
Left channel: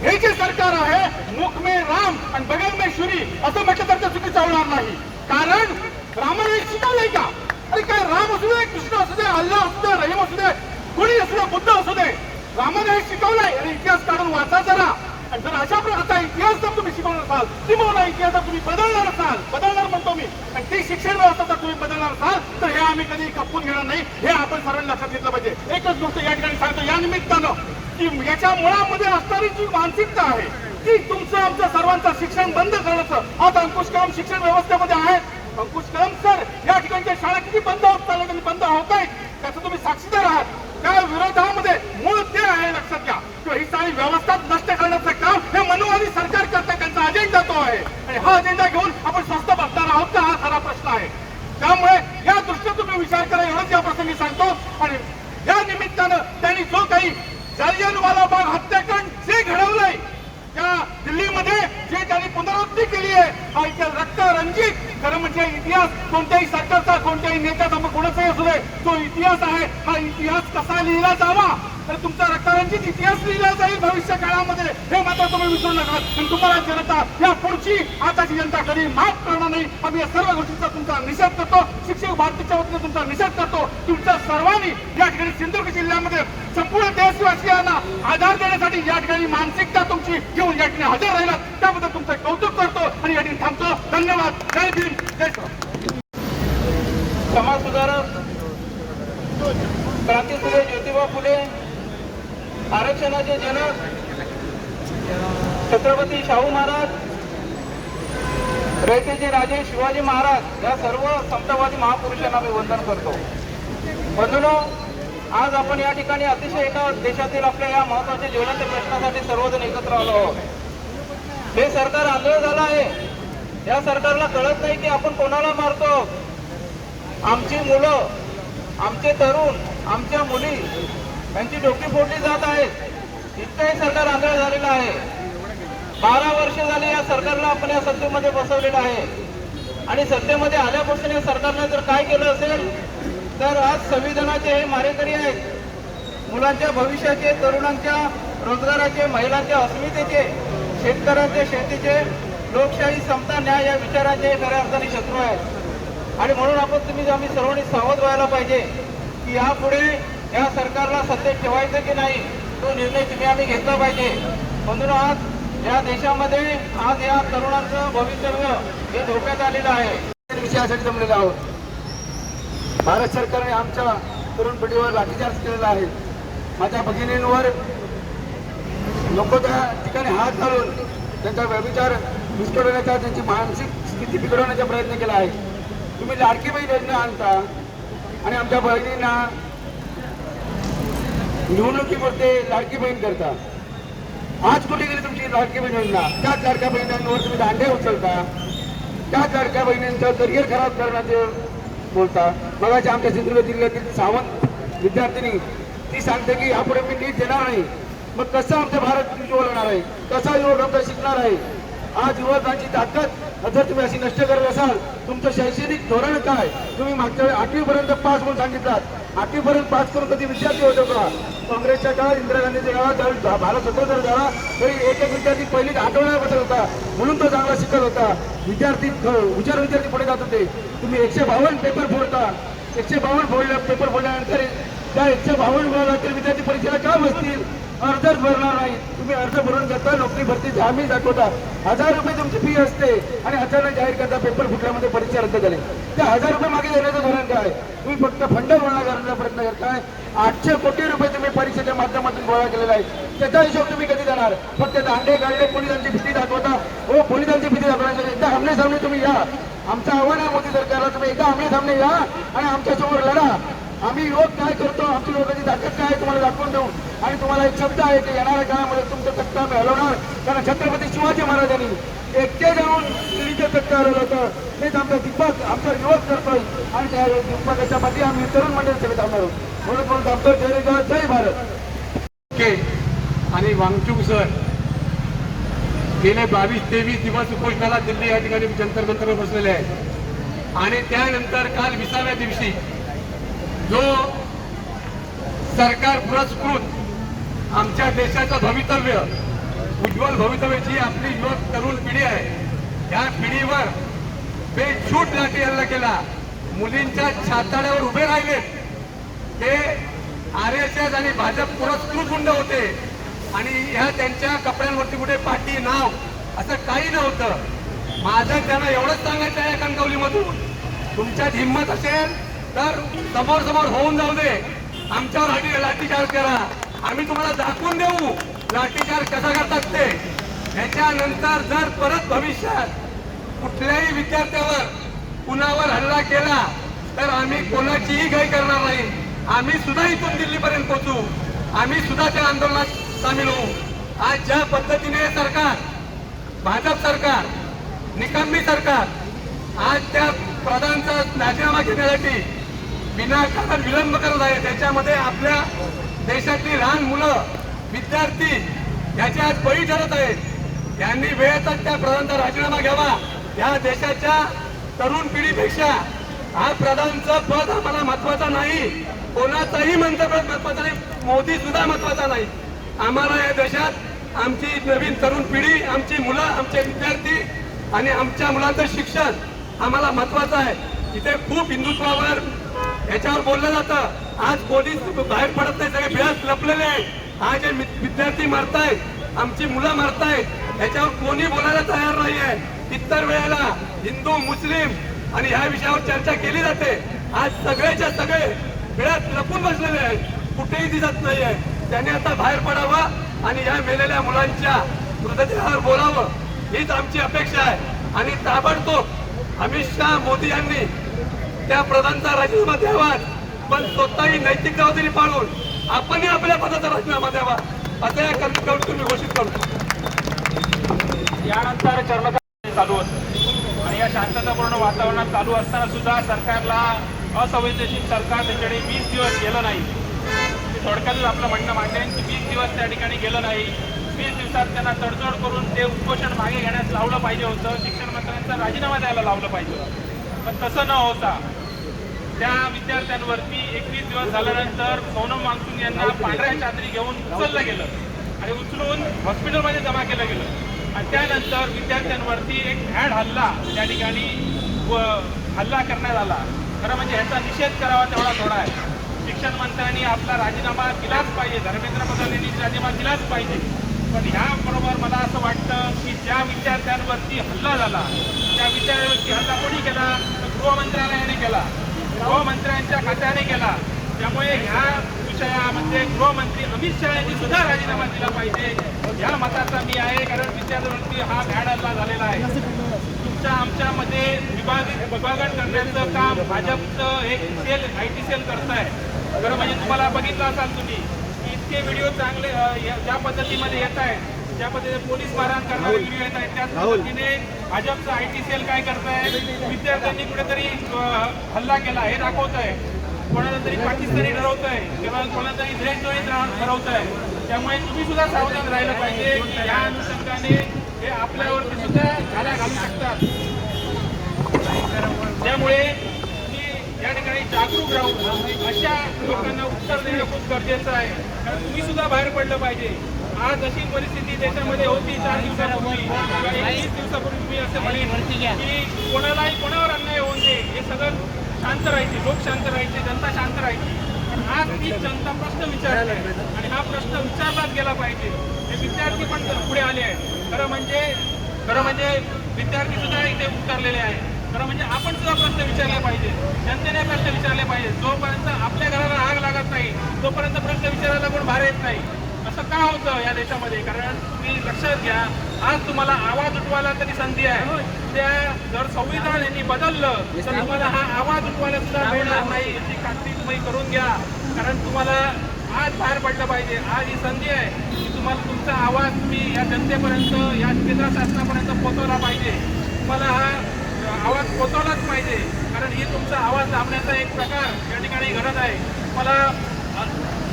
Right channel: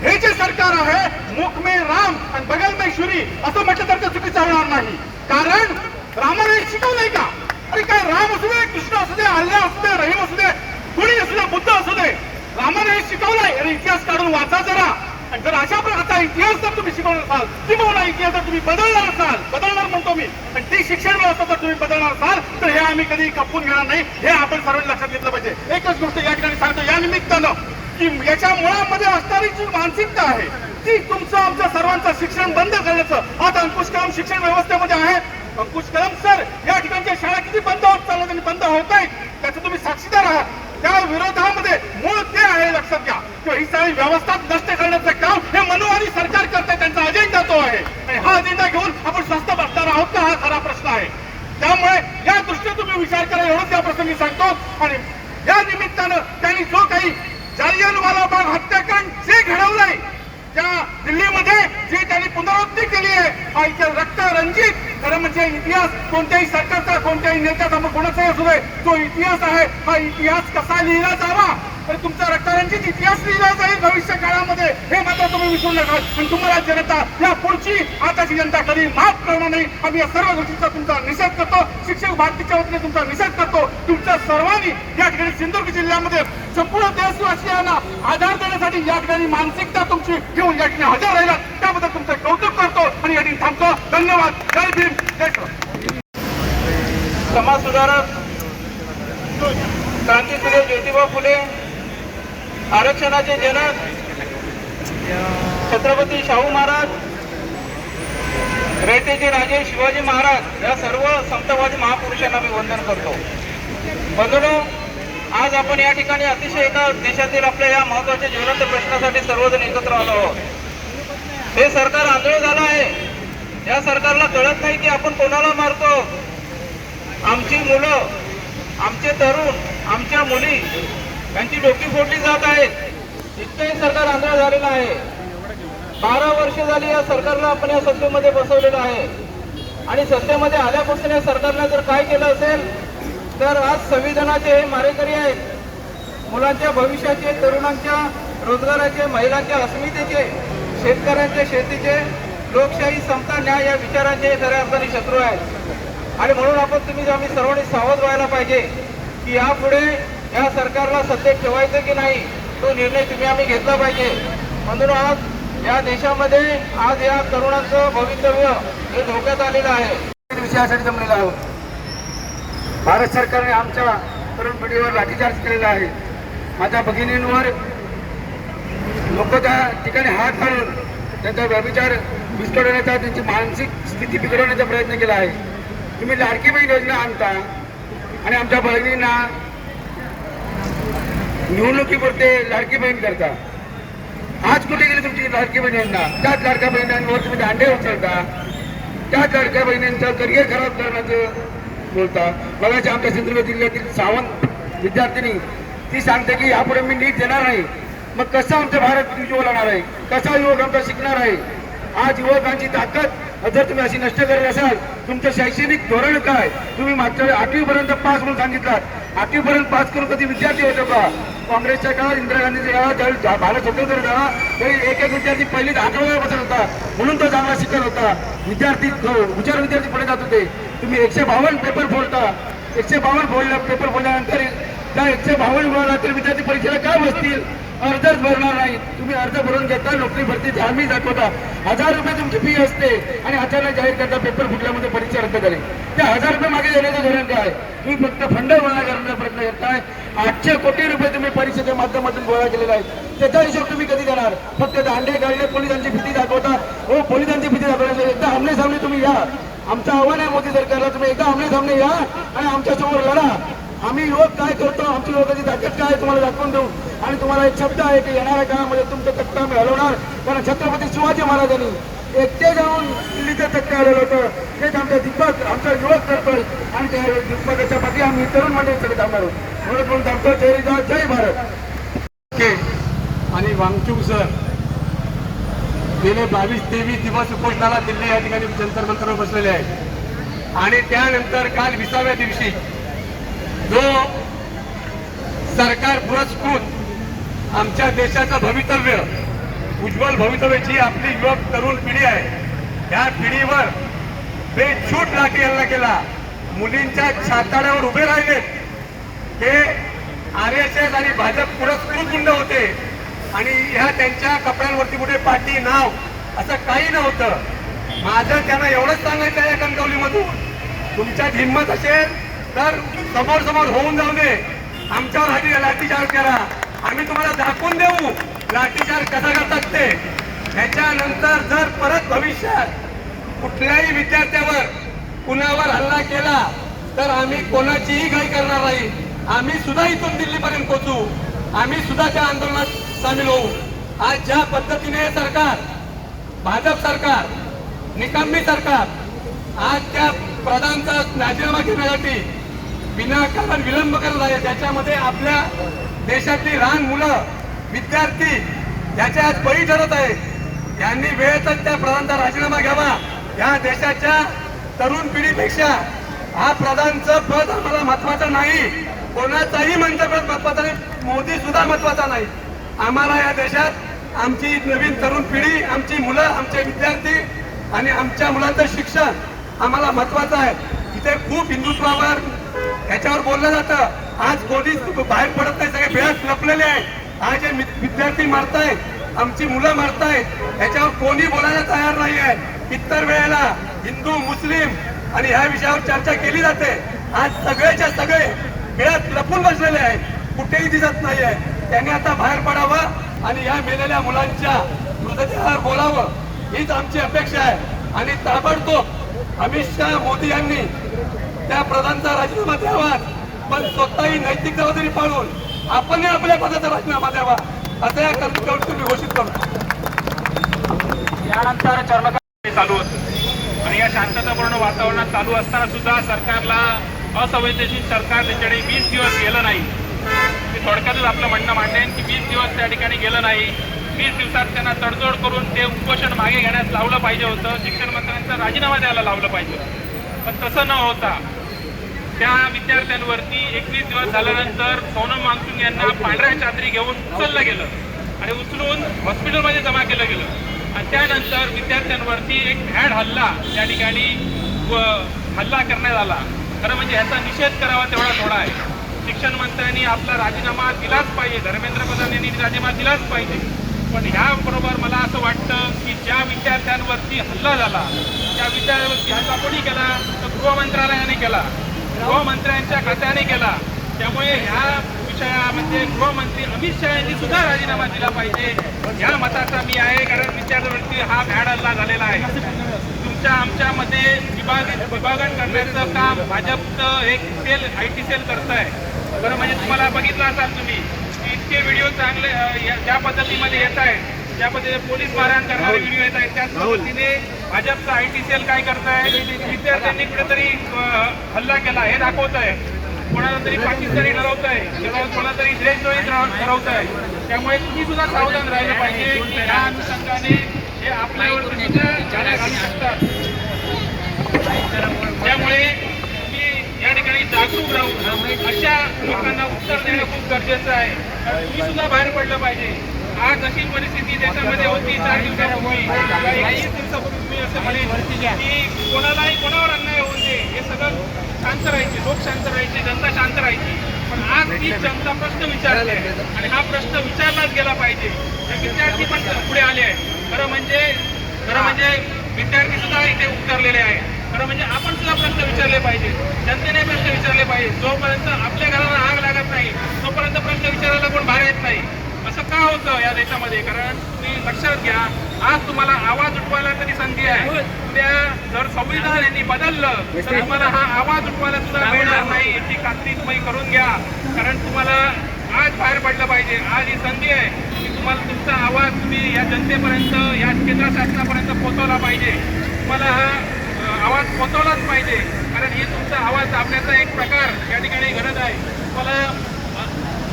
हे जे सरकार आहे मुख में राम आणि बगल में शुरी असं म्हटलं तर ते चुकीचं होणार नाही. कारण रामाने शिकवलंय का? अरे काय राम असू दे, कृष्ण असू दे, अल्लाह असू दे, रहीम असू दे, कोणी असू दे, बुद्ध असू दे, रामाने हे शिकवलंय. आणि इतिहास काढून वाचा जरा. आणि जर अशा आता इतिहास जर तुम्ही शिकवणार असाल, किंवा इतिहास जर तुम्ही बदलणार असाल, बदलणार म्हणतो मी, आणि ती शिक्षण व्यवस्था जर तुम्ही बदलणार असाल तर हे आम्ही कधी खपवून घेणार नाही. हे आपण सर्वांनी लक्षात घेतलं पाहिजे. एकच गोष्ट या ठिकाणी सांगतो या निमित्तानं की याच्या मुळामध्ये असणारी जी मानसिकता आहे ती तुमचं आमचं सर्वांचं शिक्षण बंद करण्याचं आज अंकुश कलम शिक्षण व्यवस्थेमध्ये आहे. अंकुश कलम सर या ठिकाणच्या शाळा किती बंद होत चालत आणि बंद होत आहेत त्याचं तुम्ही साक्षीदार आहात. त्या विरोधामध्ये मूळ ते आहे लक्षात घ्या की ही सारी व्यवस्था नष्ट करण्याचं काम हे मनोवादी सरकार करते. त्यांचा अजेंडा तो आहे आणि हा अजेंडा घेऊन आपण स्वस्त बसणार आहोत का हा खरा प्रश्न आहे. त्यामुळे या दृष्टीने तुम्ही विचार करा एवढंच या प्रसंगी सांगतो. आणि या निमित्तानं त्यांनी जो काही जालियनवाला बाग हत्याकांड जे घडवलंय त्या दिल्लीमध्ये जी त्यांनी पुनरावृत्ती केली आहे हा इतिहास रक्त रंजित खरं म्हणजे इतिहास कोणत्याही सरकारचा कोणत्याही नेत्याचा मग कोणाचाही असू दे तो इतिहास आहे. हा इतिहास कसा लिहिला जावा आणि तुमचा रक्तरंजित इतिहास लिहिला जाईल भविष्य काळामध्ये हे मात्र तुम्ही विसरू नका. आणि तुम्हाला जनता या पुढची आताची जनता कधी माफ करणार नाही. आम्ही या सर्व गोष्टींचा तुमचा निषेध करतो. शिक्षक भारतीच्या वतीने तुमचा निषेध करतो. तुमच्या सर्वांनी या ठिकाणी सिंधुदुर्ग जिल्ह्यामध्ये संपूर्ण देशवासियांना आधार देण्यासाठी या ठिकाणी मानसिकता तुमची घेऊन या ठिकाणी हजर राहिला त्याबद्दल तुमचं कौतुक करतो आणि या ठिकाणी थांबतो. धन्यवाद. जय भीम, जय श्रीराम. समाज सुधारक क्रांतीसूर्य ज्योतिबा फुले, आरक्षणाचे जनक छत्रपती शाहू महाराज, रयतेचे राजे शिवाजी महाराज या सर्व समतावादी महापुरुषांना मी वंदन करतो. बंधूंनो, आज आपण या ठिकाणी अतिशय एका देशातील आपल्या या महत्वाच्या ज्वलंत प्रश्नासाठी सर्वजण एकत्र आलो आहोत. हे सरकार आंधळ झालं आहे. या सरकारला कळत नाही की आपण कोणाला मारतो. आमची मुलं, आमचे तरुण, आमच्या मुली यांची डोकी फोडली जात आहेत. इतकंही सरकार आंधळ झालेलं आहे. 12 वर्ष झाली या सरकारला आपण या सत्तेमध्ये बसवलेलं आहे आणि सत्तेमध्ये आल्यापासून या सरकारने जर काय केलं असेल तर आज संविधानाचे हे मारेकरी आहेत. मुलांच्या भविष्याचे, तरुणांच्या रोजगाराचे, महिलांच्या अस्मितेचे, शेतकऱ्यांचे शेतीचे, लोकशाही, समता, न्याय या विचारांचे खऱ्या अर्थाने शत्रू आहेत. आणि म्हणून आम्ही सर्वांनी सावध व्हायला पाहिजे की यापुढे या सरकारला सत्तेत ठेवायचं की नाही तो निर्णय आम्ही घेतला पाहिजे. म्हणून आज या देशामध्ये आज या तरुणांचं भवितव्य हे धोक्यात आलेलं आहे. विषयासाठी जमलेलो आहोत. भारत सरकारने आमच्या तरुण पिढीवर लाठीचार्ज केलेला आहे. माझ्या भगिनींवर लोक त्या ठिकाणी हात घालून त्यांचा व्यभिचार विस्कळवण्याचा, त्यांची मानसिक स्थिती बिघडवण्याचा प्रयत्न केला आहे. तुम्ही लाडकी बहीण योजना आणता आणि आमच्या बहिणींना निवडणुकीपुरते लाडकी बहीण करता. आज कुठे गेली तुमची लाडकी बहिणींना? त्याच लाडक्या बहिणींवर तुम्ही दांडे उचलता, त्याच लाडक्या बहिणींचं करिअर खराब करण्याचं बोलता. बघायचं आमच्या सिंधुदुर्ग जिल्ह्यातील सावंत विद्यार्थिनी ती सांगते की यापुढे मी नीट देणार नाही. मग कसं आमचं भारत उज्ज्वल होणार आहे? कसा युवक आमचा शिकणार आहे? आज युवकांची ताकद जर तुम्ही अशी नष्ट करत असाल, तुमचं शैक्षणिक धोरण काय? तुम्ही मागच्या 8वी पर्यंत पास म्हणून सांगितलात. 8वी पर्यंत पास करून कधी विद्यार्थी होतो का? काँग्रेसच्या काळात, इंदिरा गांधीच्या काळात भारत स्वतंत्र झाला तरी एक विद्यार्थी पहिलीच आठवड्याला बसत होता म्हणून तो चांगला शिकत होता. विद्यार्थी हुशार विद्यार्थी पुढे जात होते. तुम्ही 152 पेपर फोडता. 152 पेपर फोडल्यानंतर त्या 152 विद्यार्थी परीक्षेला का बसतील? अर्जच भरणार नाही. तुम्ही अर्ज भरून घेता, नोकरी भरतीची हमी दाखवता, 1000 रुपये तुमची फी असते आणि अचानक जाहीर करता पेपर फुटल्यामध्ये परीक्षा रद्द झाली. ते 1000 रुपये मागे देण्याचं धोरण काय? तुम्ही फक्त फंड गोळा करण्याचा प्रयत्न करताय. 800 कोटी रुपये तुम्ही परीक्षेच्या माध्यमातून गोळा केलेला आहे. त्याचा हिशोब तुम्ही कधी देणार? फक्त दांडे गाळले, पोलिसांची भीती दाखवता. हो, पोलिसांची भीती दाखवण्याची एकदा आमने सामने तुम्ही या. आमचं आव्हान आहे मोदी सरकारला, तुम्ही एकदा आमने सामने या आणि आमच्यासमोर लढा. आम्ही युवक काय करतो, आमची युवकाची ताकद काय आहे तुम्हाला दाखवून देऊ. आणि तुम्हाला एक शब्द आहे की येणाऱ्या काळामध्ये तुमचं तक्का आम्ही हलवणार. कारण छत्रपती शिवाजी महाराजांनी एकटे जाऊन दिल्लीचं तक्का हलवलं होतं. तेच आमचा दिग्गज, आमचा युवक करतोय आणि त्या दिग्गजाच्या पाठी आम्ही तरुण मंडळीसाठी थांबणार आहोत. म्हणून बोलतो आमचं जय भारत. आणि वांगचूक सर गेले 22-23 दिवस उपोषणाला दिल्ली या ठिकाणी जंतर मंतरवर बसलेले आहेत. आणि त्यानंतर काल 20व्या दिवशी जो सरकार पुरस्कृत आमच्या देशाचं भवितव्य, उज्ज्वल भवितव्य, जी आपली युवक तरुण पिढी आहे, त्या पिढीवर बेछूट लाठी हल्ला केला. मुलींच्या छाताड्यावर उभे राहिले. ते RSS आणि भाजप पुरस्कृत गुंड होते आणि ह्या त्यांच्या कपड्यांवरती कुठे पाटी, नाव असं काही नव्हतं. माझं त्यांना एवढंच सांगायचं आहे कणकवलीमधून, तुमच्यात हिंमत असेल तर समोर समोर होऊन जाऊ दे, आमच्यावर लाठीचार्ज करा, आम्ही तुम्हाला दाखवून देऊ लाठीचार्ज कसा करतात ते. त्याच्यानंतर जर परत भविष्यात कुठल्याही विद्यार्थ्यावर, कुणावर हल्ला केला तर आम्ही कोणाचीही घाई करणार नाही. आम्ही सुद्धा इथून दिल्लीपर्यंत पोहोचू, आम्ही सुद्धा त्या आंदोलनात सामील होऊ. आज ज्या पद्धतीने सरकार, भाजप सरकार, निकम्मी सरकार आज त्या प्रधानचा राजीनामा घेण्यासाठी विनाकारण विलंब करत आहे, त्याच्यामध्ये आपल्या देशातली लहान मुलं, विद्यार्थी याच्यात बळी ठरत आहेत. यांनी वेळेतच त्या प्रधानचा राजीनामा घ्यावा. या देशाच्या तरुण पिढीपेक्षा हा प्रधानचं पद आम्हाला महत्वाचं नाही, कोणाचाही मंत्रिपद महत्वाचं नाही, मोदी सुद्धा महत्वाचा नाही. आम्हाला या देशात आमची नवीन तरुण पिढी, आमची मुलं, आमचे विद्यार्थी आणि आमच्या मुलांचं शिक्षण आम्हाला महत्वाचं आहे. इथे खूप हिंदुत्वावर याच्यावर बोललं जातं. आज पोलीस बाहेर पडत नाही, सगळे बेहद लपलेले आहेत. आज जे विद्यार्थी मारतायत, आमची मुलं मारतायत, याच्यावर कोणी बोलायला तयार नाही आहे. इतर वेळेला हिंदू, मुस्लिम आणि ह्या विषयावर चर्चा केली जाते. आज सगळेच्या सगळे बेहद लपून बसलेले आहेत, कुठेही दिसत नाहीये. त्याने आता बाहेर पडावं आणि या मेलेल्या मुलांच्या मृतदेहावर बोलावं, हीच आमची अपेक्षा आहे. आणि ताबडतोब अमित शहा, मोदी यांनी त्या प्रधानचा राजीनामा द्यावा, पण स्वतःही नैतिक जबाबदारी पाळून आपणही आपल्या पदाचा राजीनामा द्यावा, असं या करून तुम्ही घोषित करतो. यानंतर चर्मकार चालू होतं आणि या शांततापूर्ण वातावरणात चालू असताना सुद्धा सरकारला असंवेदनशील सरकार त्याच्याकडे 20 दिवस गेलं नाही. थोडक्यातच आपलं म्हणणं मांडेन की 20 दिवस त्या ठिकाणी गेलं नाही. 20 दिवसात त्यांना तडजोड करून ते उपोषण मागे घेण्यास लावलं पाहिजे होतं. शिक्षण मंत्र्यांचा राजीनामा द्यायला लावलं पाहिजे होतं. पण तसं न होता त्या विद्यार्थ्यांवरती 21 दिवस झाल्यानंतर सोनम वांगचुक यांना पांढऱ्या चादरी घेऊन उचललं गेलं आणि उचलून हॉस्पिटलमध्ये जमा केलं गेलं. आणि त्यानंतर विद्यार्थ्यांवरती एक भ्याड हल्ला त्या ठिकाणी हल्ला करण्यात आला. खरं म्हणजे ह्याचा निषेध करावा तेवढा थोडा आहे. शिक्षण मंत्र्यांनी आपला राजीनामा दिलाच पाहिजे, धर्मेंद्र प्रधान यांनी राजीनामा दिलाच पाहिजे. पण ह्याबरोबर मला असं वाटतं की ज्या विद्यार्थ्यांवरती हल्ला झाला त्या विद्यार्थ्यांवरती हल्ला कोणी केला तर गृहमंत्रालयाने केला, गृहमंत्र्यांच्या खात्याने केला. त्यामुळे ह्या विषयामध्ये गृहमंत्री अमित शहा यांनी सुद्धा राजीनामा दिला पाहिजे ह्या मताचा मी आहे. कारण विद्यार्थ्यांवरती हा भ्याड हल्ला झालेला आहे. तुमच्या आमच्यामध्ये विभागण करण्याचं काम भाजपचं एक सेल, IT सेल करत आहे. बरं, म्हणजे तुम्हाला बघितलं असाल तुम्ही की इतके व्हिडिओ चांगले ज्या पद्धतीमध्ये येत आहेत, ज्या पद्धतीने पोलीस मारहाण करणारे व्हिडिओ येत आहेत, त्याच पद्धतीने भाजपचं IT सेल काय करत आहे, विद्यार्थ्यांनी कुठेतरी हल्ला केला हे दाखवत आहे, कोणाला तरी पाकिस्तानी ठरवत आहे, कोणाला तरी देशद्रोही ठरवत आहे. त्यामुळे तुम्ही सुद्धा सावधान राहिलं पाहिजे की या अनुषंगाने हे आपल्यावरती सुद्धा झाल्या घालू शकतात. त्यामुळे तुम्ही या ठिकाणी जागरूक राहून अशा लोकांना उत्तर देणं खूप गरजेचं आहे. कारण तुम्ही सुद्धा बाहेर पडलं पाहिजे. आज अशी परिस्थिती देशामध्ये होती 4 दिवसापूर्वी, 21 दिवसापूर्वी तुम्ही असं म्हणे की कोणालाही कोणावर अन्याय होऊ नये, हे सगळं शांत राहायचे, लोक शांत राहायचे, जनता शांत राहायची. पण आज ती जनता प्रश्न विचारले आहे आणि हा प्रश्न विचारलाच गेला पाहिजे. हे विद्यार्थी पण पुढे आले आहेत. खरं म्हणजे विद्यार्थी सुद्धा इथे उतरलेले आहेत. खरं म्हणजे आपण सुद्धा प्रश्न विचारले पाहिजे, जनतेने प्रश्न विचारले पाहिजे. जोपर्यंत आपल्या घराला आग लागत नाही तोपर्यंत प्रश्न विचारायला कोण बाहेर येत नाही. असं का होतं या देशामध्ये? कारण तुम्ही लक्षात घ्या, आज तुम्हाला आवाज उठवायला तरी संधी आहे. उद्या जर संविधान यांनी बदललं तर तुम्हाला हा आवाज उठवायला सुद्धा मिळणार नाही याची खात्री तुम्ही करून घ्या. कारण तुम्हाला आज बाहेर पडलं पाहिजे. आज ही संधी आहे की तुम्हाला तुमचा आवाज तुम्ही या जनतेपर्यंत, या केंद्र शासनापर्यंत पोहोचवला पाहिजे. तुम्हाला हा आवाज पोहोचवलाच पाहिजे. कारण ही तुमचा आवाज दाबण्याचा एक प्रकार या ठिकाणी घडत आहे. तुम्हाला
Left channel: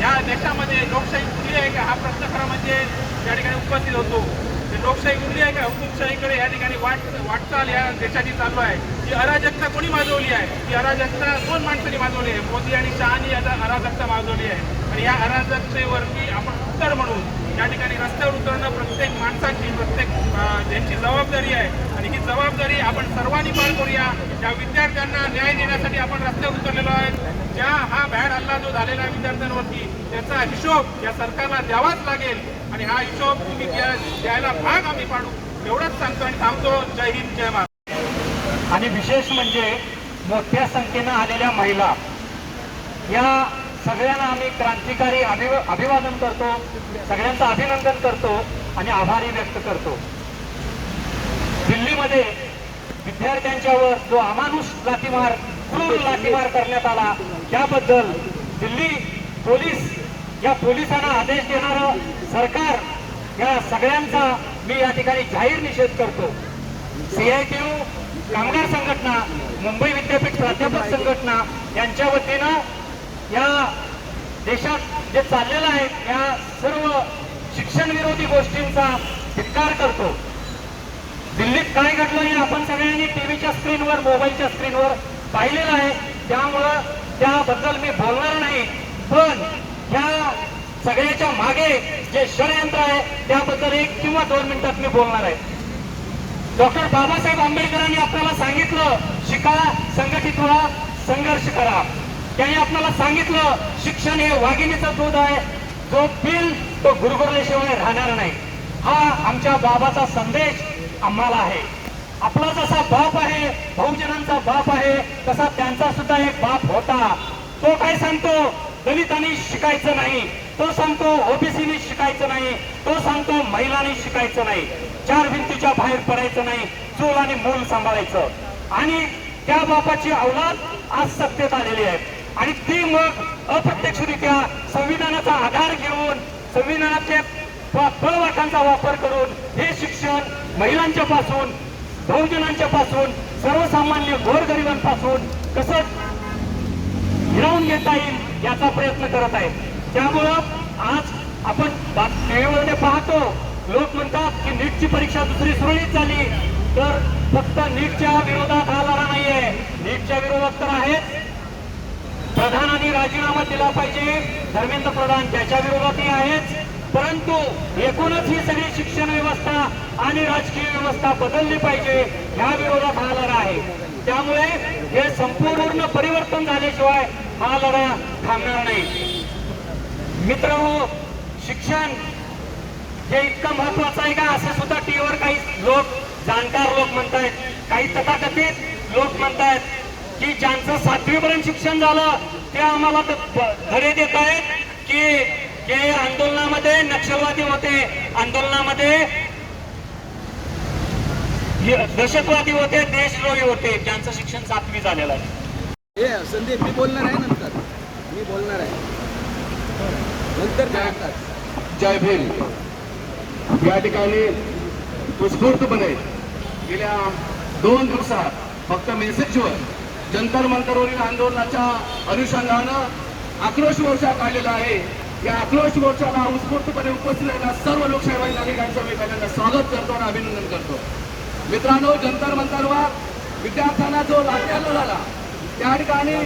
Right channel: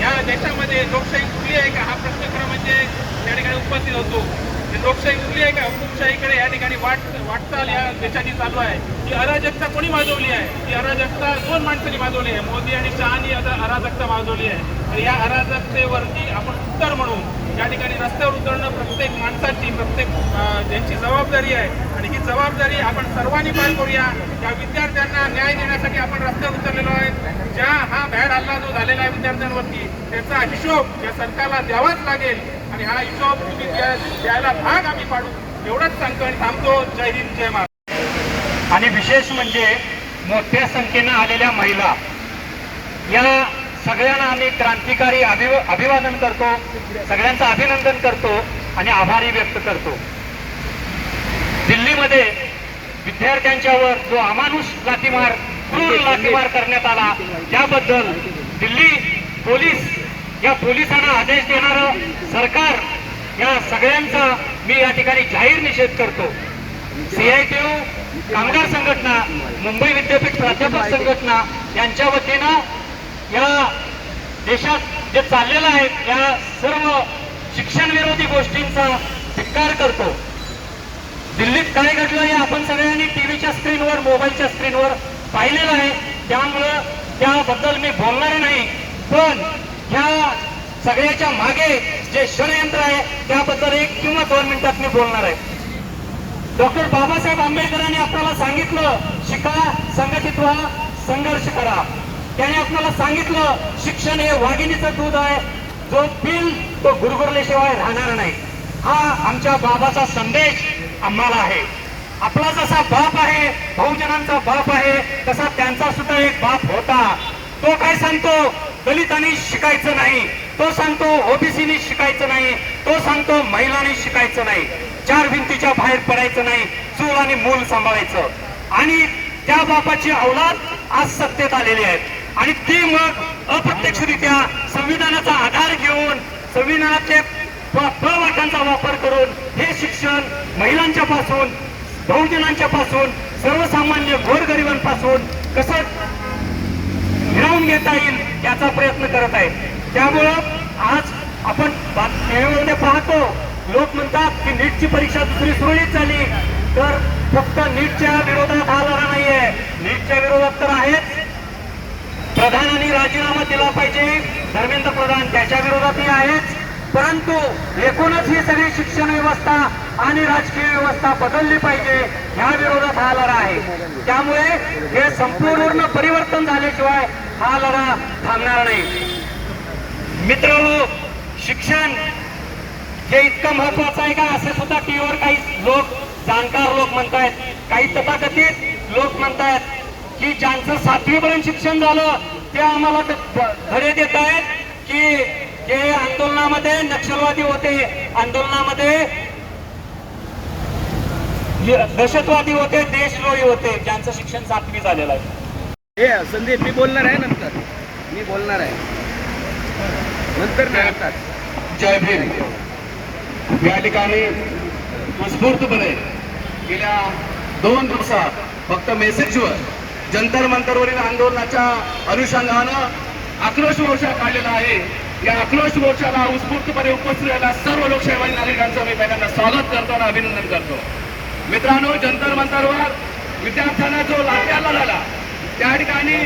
या देशामध्ये लोकशाही उरली आहे का हा प्रश्न खरा म्हणजे या ठिकाणी उपस्थित होतो. लोकशाही उरली आहे का? हुकुमशाहीकडे या ठिकाणी वाटचाल या देशाची चालू आहे. ही अराजकता कोणी माजवली आहे? ही अराजकता दोन माणसांनी माजवली आहे. मोदी आणि शहानी आता अराजकता माजवली आहे. आणि या अराजकतेवरती आपण उत्तर म्हणून या ठिकाणी रस्त्यावर उतरणं प्रत्येक माणसाची, प्रत्येक यांची जबाबदारी आहे. आणि ही जबाबदारी आपण सर्वांनी पार करूया. या विद्यार्थ्यांना न्याय देण्यासाठी आपण रस्त्यावर उतरलेलो आहे. ज्या हा भ्याड हल्ला जो झालेला आहे विद्यार्थ्यांवरती त्याचा हिशोब या सरकारला द्यावाच लागेल. आणि हा हिशोब तुम्ही द्यायला भाग आम्ही पाडू एवढंच सांगतो आणि थांबतो. जय हिंद, जय महाराष्ट्र. आणि विशेष म्हणजे मोठ्या संख्येनं आलेल्या महिला, या सगळ्यांना आम्ही क्रांतिकारी अभिवादन करतो, सगळ्यांचं अभिनंदन करतो आणि आभारी व्यक्त करतो. दिल्लीमध्ये विद्यार्थ्यांच्यावर जो अमानुष लाठीमार, क्रूर लाठीमार करण्यात आला त्याबद्दल दिल्ली पोलीस, या पोलिसांना आदेश देणारं सरकार, या सगळ्यांचा मी या ठिकाणी जाहीर निषेध करतो. CITU, कामगार संघटना, मुंबई विद्यापीठ प्राध्यापक संघटना यांच्या वतीनं या देशात जे चाललेलं आहे या सर्व शिक्षण विरोधी गोष्टींचा धिक्कार करतो. दिल्लीत काय घडलं हे आपण सगळ्यांनी टीव्हीच्या स्क्रीनवर, मोबाईलच्या स्क्रीनवर पाहिलेलं आहे. त्यामुळं त्याबद्दल मी बोलणार नाही. पण ह्या सगळ्याच्या मागे जे षडयंत्र आहे त्याबद्दल 1 किंवा 2 मिनिटात मी बोलणार आहे. डॉक्टर बाबासाहेब आंबेडकरांनी आपल्याला सांगितलं, शिका, संघटित व्हा, संघर्ष करा. त्यांनी आपल्याला सांगितलं, शिक्षण हे वाघिणीचं दूध आहे, जो पिल तो गुरगुरल्याशिवाय राहणार नाही. हा आमच्या बाबाचा संदेश आम्हाला आहे. आपला जसा बाप आहे, बहुजनांचा बाप आहे, तसा त्यांचा सुद्धा एक बाप होता. तो काय सांगतो? दलितांनी शिकायचं नाही. तो सांगतो ओबीसीनी शिकायचं नाही. तो सांगतो महिलांनी शिकायचं नाही. 4 भिंतीच्या बाहेर पडायचं नाही. चूल आणि मूल सांभाळायचं. आणि त्या बापाची औलाद आज सत्तेत आलेली आहेत. आणि ती मग अप्रत्यक्षरित्या संविधानाचा आधार घेऊन, संविधानाचे फळवाटांचा वापर करून हे शिक्षण महिलांच्या पासून, बहुजनांच्या पासून, सर्वसामान्य गोरगरिबांपासून कसं हिरावून घेता येईल याचा प्रयत्न करत आहे. त्यामुळं आज आपण टीव्हीमध्ये पाहतो, लोक म्हणतात की नीटची परीक्षा दुसरी सुरळीत झाली. तर फक्त नीटच्या विरोधात हा लढा नाहीये. नीटच्या विरोधात तर आहेच. प्रधानांनी राजीनामा दिला पाहिजे, धर्मेंद्र प्रधान त्याच्या विरोधातही आहेच. परंतु एकूणच ही सगळी शिक्षण व्यवस्था आणि राजकीय व्यवस्था बदलली पाहिजे, ह्या विरोधात हा लढा आहे. त्यामुळे हे संपूर्ण परिवर्तन झाल्याशिवाय हा लढा थांबणार नाही. मित्रहो, शिक्षण हे इतकं महत्वाचं आहे का असं सुद्धा टीव्हीवर काही लोक, जाणकार लोक म्हणतायत. काही तथाकथित लोक म्हणतायत की ज्यांचं 7वी पर्यंत शिक्षण झालं ते आम्हाला धडे देत आहेत की हे आंदोलनामध्ये नक्षलवादी होते, आंदोलनामध्ये दहशतवादी होते, देशद्रोही होते, ज्यांचं शिक्षण 7वी झालेलं आहे. संदीप, मी बोलणार आहे नंतर, मी बोलणार आहे नंतर. जय भीम. या ठिकाणी उत्स्फूर्तपणे गेल्या 2 दिवसात फक्त मेसेजवर जंतर मंतरवरील आंदोलनाच्या अनुषंगानं आक्रोश मोर्चा काढलेला आहे. या आक्रोश मोर्चाला उत्स्फूर्तपणे उपस्थित झालेल्या सर्व लोकशाही नागरिकांचं मी पहिल्यांदा स्वागत करतो आणि अभिनंदन करतो. मित्रांनो, जंतर मंतरवर विद्यार्थ्यांना जो लाठीहल्ला झाला त्या ठिकाणी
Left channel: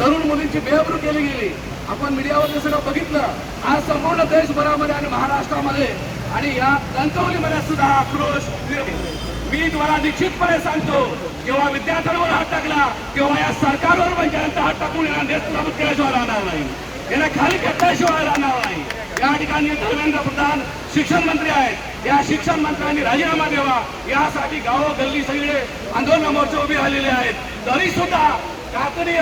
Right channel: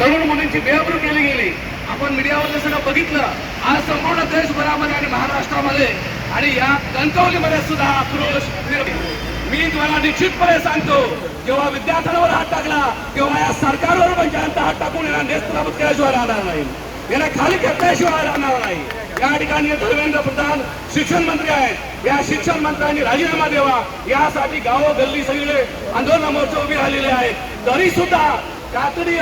तरुण मुलींची बेअब्रू केली गेली. आपण मीडियावर सगळं बघितलं. आज संपूर्ण देशभरामध्ये आणि महाराष्ट्रामध्ये आणि या कणकवलीमध्ये सुद्धा आक्रोश मी तुम्हाला निश्चितपणे सांगतो, जेव्हा विद्यार्थ्यांवर हात टाकला तेव्हा या सरकारवर पण जनता हात टाकून यांना नेस्तनाबूत केल्याशिवाय राहणार नाही, यांना खाली घेतल्याशिवाय राहणार नाही. या ठिकाणी धर्मेंद्र प्रधान शिक्षण मंत्री आहेत, या शिक्षण मंत्र्यांनी राजीनामा द्यावा यासाठी गावोगल्ली सगळे आंदोलन मोर्चे उभे राहिलेले आहेत. तरी सुद्धा कातडी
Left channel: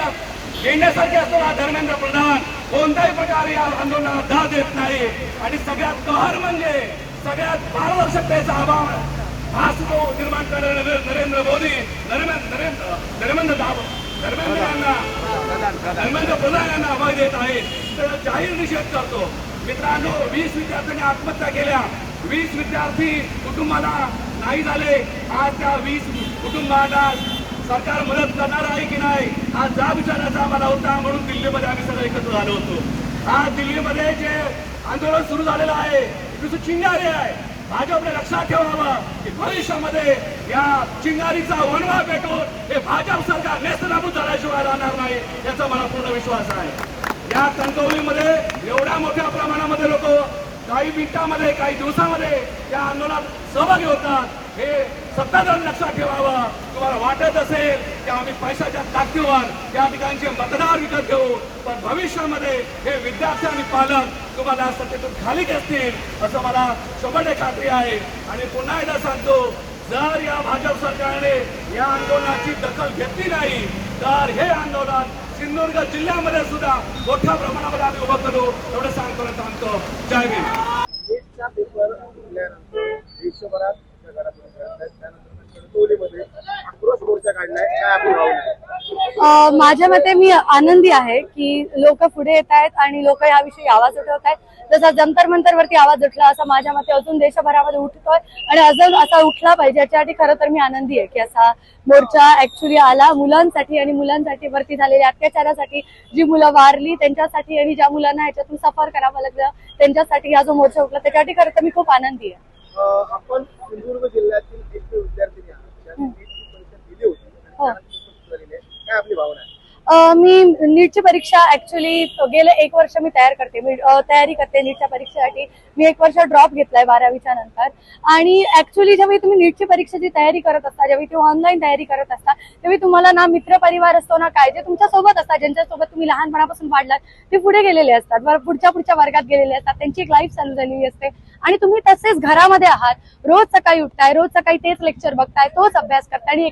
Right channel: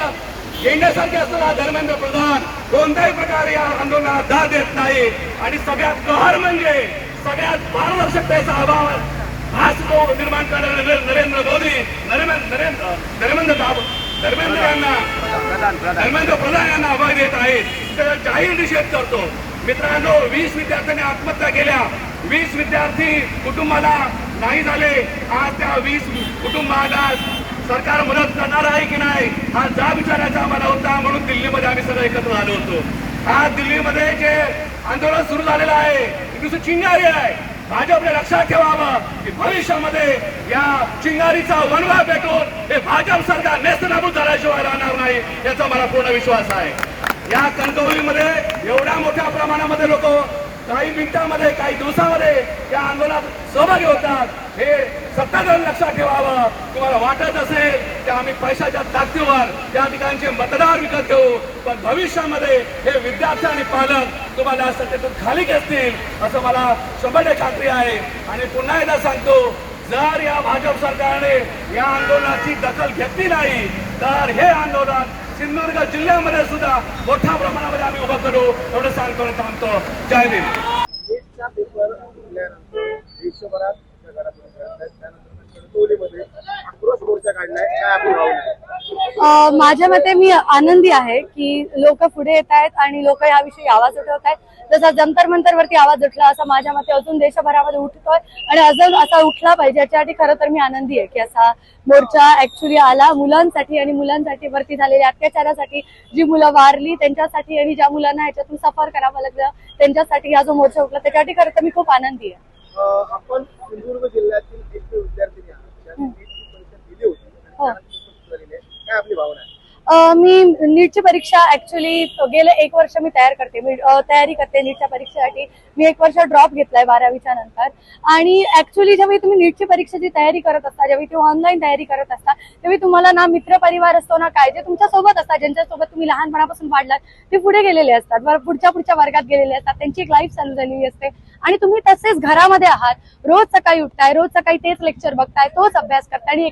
येण्यासारखे असताना धर्मेंद्र प्रधान कोणत्याही प्रकारे या आंदोलनाला दाद देत नाही. आणि सगळ्यात कहर म्हणजे सगळ्यात पारदर्शकतेचा अभाव हा तो निर्माण करणारे नरेंद्र मोदी धर्मेंद्र प्रधान यांना अभय देत आहेत. त्याचा जाहीर निषेध करतो. मित्रांनो, 20 विद्यार्थ्यांनी आत्महत्या केल्या, 20 विद्यार्थी कुटुंबाला नाही झाले. आज त्या 20 कुटुंबाला सरकार मदत करणार आहे की नाही हा जाब विचारायचा आम्हाला होता. म्हणून दिल्लीमध्ये आम्ही सगळे एकत्र झालो होतो. आज दिल्लीमध्ये जे आंदोलन सुरू झालेलं आहे ती चिंगारी आहे. भाजपने लक्षात ठेवावं की भविष्यामध्ये या चिंगारीचा वणवा पेटून हे भाजप सरकार नेस्तनाबूत झाल्याशिवाय राहणार नाही याचा मला पूर्ण विश्वास आहे. या कणकवलीमध्ये एवढ्या मोठ्या प्रमाणामध्ये लोक काही मिनिटांमध्ये काही दिवसामध्ये या आंदोलनात सहभागी होतात हे सत्ताधाऱ्यांनी लक्षात ठेवावं. तुम्हाला वाटत असेल की आम्ही पैशाच्या ताकदीवर त्या ठिकाणचे मतदार विकत घेऊ, पण भविष्यामध्ये हे विद्यार्थी आणि पालक तुम्हाला सत्तेतून खाली घेतील असं मला 100% खात्री आहे. आणि पुन्हा एकदा सांगतो, जर या भाजप सरकारने या आंदोलनाची दखल घेतली नाही तर हे आंदोलन सिंधुदुर्ग जिल्ह्यामध्ये सुद्धा मोठ्या प्रमाणामध्ये आम्ही उभं करू एवढं सांगतो थांबतो. जय भीम. नीटचा पेपर फुटल्यानंतर देशभरात त्यानंतर कणकवलीमध्ये आक्रोश मोर्चा काढलाय. काय आपली भावना आहे? माझ्या मते मी आनंदी आहे की लोक पुढे येत आहेत आणि लोक याविषयी आवाज उठवत आहेत. जसा जंतर मंतरवरती आवाज उठला असा माझ्या मते अजून देशभरामध्ये उठतोय आणि अजून असा उठला पाहिजे. याच्यासाठी खरं तर मी आनंदी आहे की असा मोर्चा ऍक्च्युली आला मुलांसाठी आणि मुलांसाठी वरती झालेल्या अत्याचारासाठी, जी मुलं वारली त्यांच्यासाठी आणि ज्या मुलांना ह्याच्यातून सफर करावं लागलं त्यांच्यासाठी हा जो मोर्चा उठला त्याच्यासाठी खरं तर मी खूप आनंदी आहे. आपण सिंधुदुर्ग जिल्ह्यातील एक विद्यार्थिनी आहात, ज्यांनी नीटची परीक्षा दिली होती. हो. काय आपली भावना आहे? मी नीटची परीक्षा ऍक्च्युली गेले 1 वर्ष मी तयारी करते नीटच्या परीक्षेसाठी. मी 1 वर्ष ड्रॉप घेतलाय 12वीच्या नंतर. आणि ऍक्च्युली जेव्हा तुम्ही नीटची परीक्षेची तयारी करत असता, जेव्हा तुम्ही ऑनलाईन तयारी करत असता, तेव्हा तुम्हाला ना मित्र परिवार असतो ना काय, जे तुमच्या सोबत असतात, ज्यांच्यासोबत तुम्ही लहानपणापासून वाढलात ते पुढे गेलेले असतात, पुढच्या वर्गात गेलेले असतात, त्यांची एक लाईफ चालू झालेली असते आणि तुम्ही तसेच घरामध्ये आहात. रोज सकाळी उठताय, रोज सकाळी तेच लेक्चर बघताय, तोच अभ्यास करताय आणि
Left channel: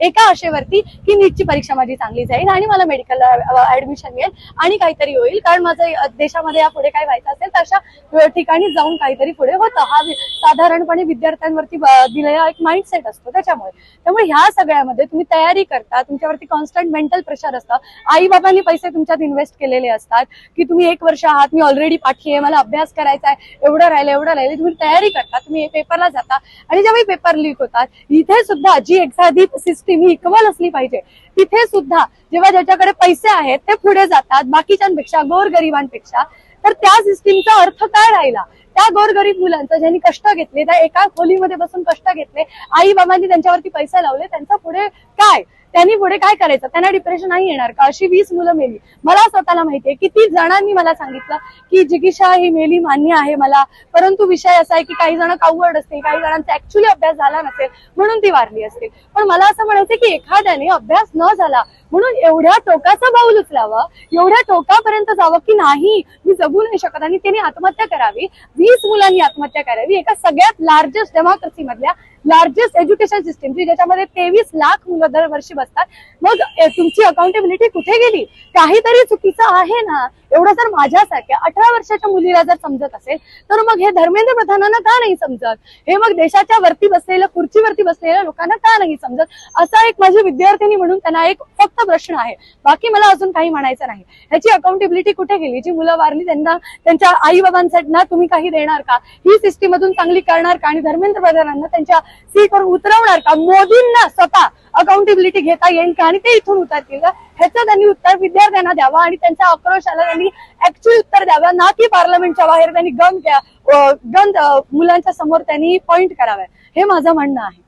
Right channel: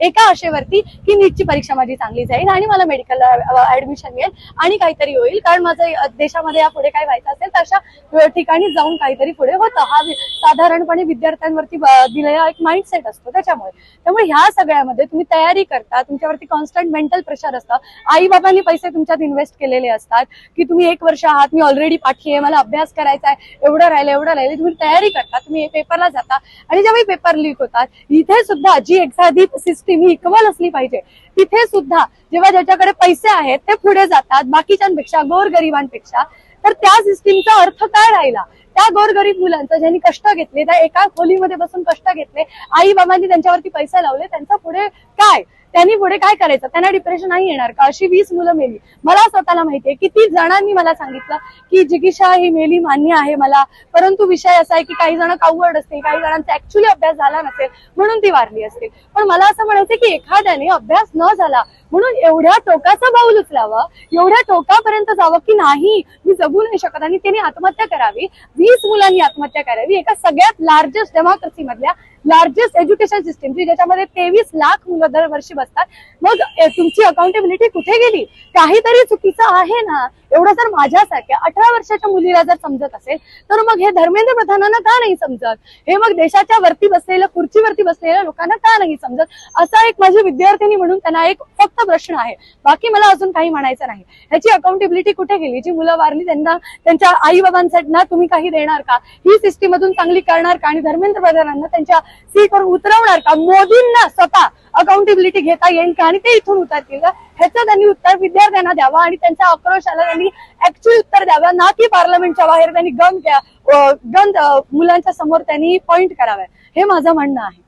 एका आशेवरती की नीटची परीक्षा माझी चांगली जाईल आणि मला मेडिकलला ऍडमिशन मिळेल आणि काहीतरी होईल, कारण माझं देशामध्ये यापुढे काय व्हायचं असेल तर अशा ठिकाणी जाऊन काहीतरी पुढे होतं. हा साधारणपणे विद्यार्थ्यांवरती दिलेला एक माइंडसेट असतो. त्यामुळे ह्या सगळ्यामध्ये तुम्ही तयारी करता, तुमच्यावरती कॉन्स्टंट मेंटल प्रेशर असतं. आई बाबांनी पैसे तुमच्यात इन्व्हेस्ट केलेले असतात की तुम्ही 1 वर्ष आहात, मी ऑलरेडी पाठी आहे, मला अभ्यास करायचा आहे, एवढं राहिले तुम्ही तयारी करता, तुम्ही पेपरला जाता आणि जेव्हा पेपर लीक होतात इथे सुद्धा जी एखादी सिस्टीम ही इक्वल असली पाहिजे तिथे सुद्धा जेव्हा ज्याच्याकडे पैसे आहेत ते पुढे जातात बाकीच्यांपेक्षा, गोरगरिबांपेक्षा, तर त्या सिस्टीमचा अर्थ काय राहिला? त्या गोरगरीब मुलांचं ज्यांनी कष्ट घेतले, त्या एका खोलीमध्ये बसून कष्ट घेतले, आई बाबांनी त्यांच्यावरती पैसे लावले, त्यांचा पुढे काय? त्यांनी पुढे काय करायचं? त्यांना डिप्रेशन नाही येणार का? अशी 20 मुलं मेली. मला स्वतःला माहितीये किती जणांनी मला सांगितलं की जिगीषा ही मेली मान्य आहे मला, परंतु विषय असा आहे की काही जण कावड असतील, काही जणांचा ऍक्च्युली अभ्यास झाला नसेल म्हणून ती वारली असतील. पण मला असं म्हणायचं की एखाद्याने अभ्यास न झाला म्हणून एवढ्या टोकाचं पाऊल उचलावं, एवढ्या टोकापर्यंत जावं की नाही मी जगू नाही शकत आणि त्यांनी आत्महत्या करावी, 20 मुलांनी आत्महत्या करावी एका सगळ्यात लार्जेस्ट डेमोक्रेसी मधल्या लार्जेस्ट एज्युकेशन सिस्टीमची, ज्याच्यामध्ये 23 लाख मुलं दरवर्षी बसतात. मग तुमची अकाउंटेबिलिटी कुठे गेली? काहीतरी चुकीचं आहे ना. एवढं जर माझ्यासारख्या 18 वर्षाच्या मुलीला जर समजत असेल तर मग हे धर्मेंद्र प्रधानांना का नाही समजत? हे मग देशाच्या वरती बसलेल्या, खुर्चीवरती बसलेल्या लोकांना का नाही समजत? असा एक माझी विद्यार्थिनी म्हणून त्यांना एक फक्त प्रश्न आहे, बाकी मला अजून काही म्हणायचं नाही. ह्याची अकाउंटेबिलिटी कुठे गेली? जी मुलं वारली त्यांना त्यांच्या आई बाबांसाठी ना तुम्ही काही देणार का? ही सिस्टीम मधून चांगली करणार का? आणि धर्मेंद्र प्रधानांना त्यांच्या सीटवर उतरवणार का? मोदींना स्वतः अकाउंटेबिलिटी घेता येईल का आणि ते इथून उतरतील का? ह्याचं त्यांनी उत्तर विद्यार्थ्यांना द्यावं आणि त्यांच्या आक्रोशाला त्यांनी ऍक्च्युअली उत्तर द्यावं, ना की पार्लमेंटच्या बाहेर त्यांनी गन मुलांच्या समोर त्यांनी पॉइंट कराव्या. हे माझं म्हणणं आहे.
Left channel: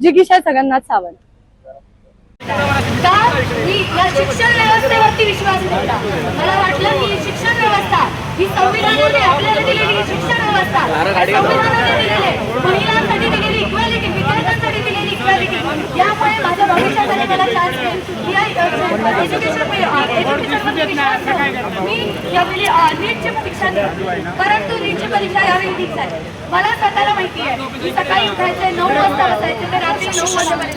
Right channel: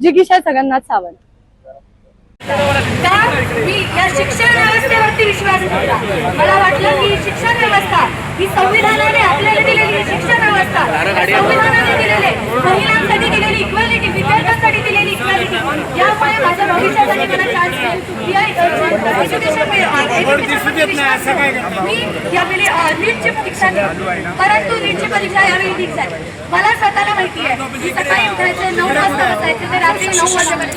जिगीषा जगन्नाथ सावंत. का मी या शिक्षण व्यवस्थेवरती विश्वास ठेवला. मला वाटलं की शिक्षण व्यवस्था ही संविधानाने आपल्याला दिलेली शिक्षण व्यवस्था, संविधानाने दिलेले महिलांसाठी दिलेली इक्वॅलिटी, विद्यार्थ्यांसाठी दिलेली इक्वॅलिटी, यामुळे माझ्या भविष्यासाठी मला चान्स मिळेल. मी या नीटची परीक्षा दिली, परंतु नीटची परीक्षा यावेळी लीक झाली. मला स्वतःला माहिती आहे की सकाळी उठायचं 9 वाजता बसायचं ते रात्री 9 वाजेपर्यंत.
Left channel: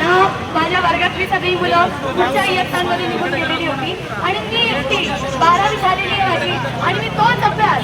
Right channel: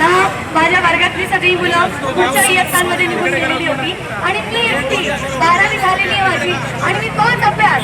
ना माझ्या वर्गातली सगळी मुलं पुढच्या इयत्तांमध्ये निघून गेलेली होती आणि मी एकटी 12वी झालेली आहे माझी आणि मी तोच अभ्यास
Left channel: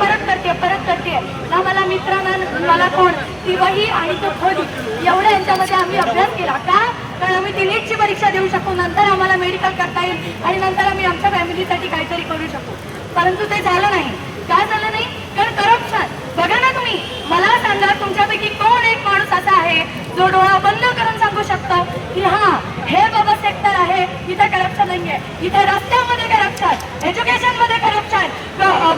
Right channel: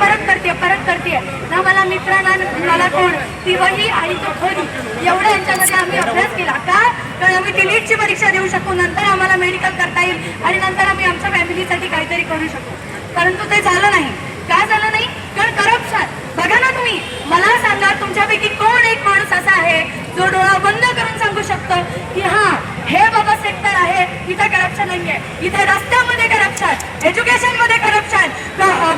परत करते. ना मला मित्रांना, मला कोण ती वही आणि तो खोली एवढ्या यांच्यामध्ये आम्ही अभ्यास केला. का? कारण आम्ही ती नीटची परीक्षा देऊ शकू, नंतर आम्हाला मेडिकल करता येईल आणि नंतर आम्ही आमच्या फॅमिलीसाठी काहीतरी करू शकू. परंतु ते झालं नाही. का झालं नाही? कारण करप्शन. बघा ना तुम्ही, मला सांगा तुमच्यापैकी कोण एक माणूस असा आहे जो डोळा बंद करून सांगू शकतो की हा हे बाबा सेक्टर आहे, इथे करप्शन नाहीये, इथे रस्त्यामध्ये करप्शन, एज्युकेशन मध्ये करप्शन,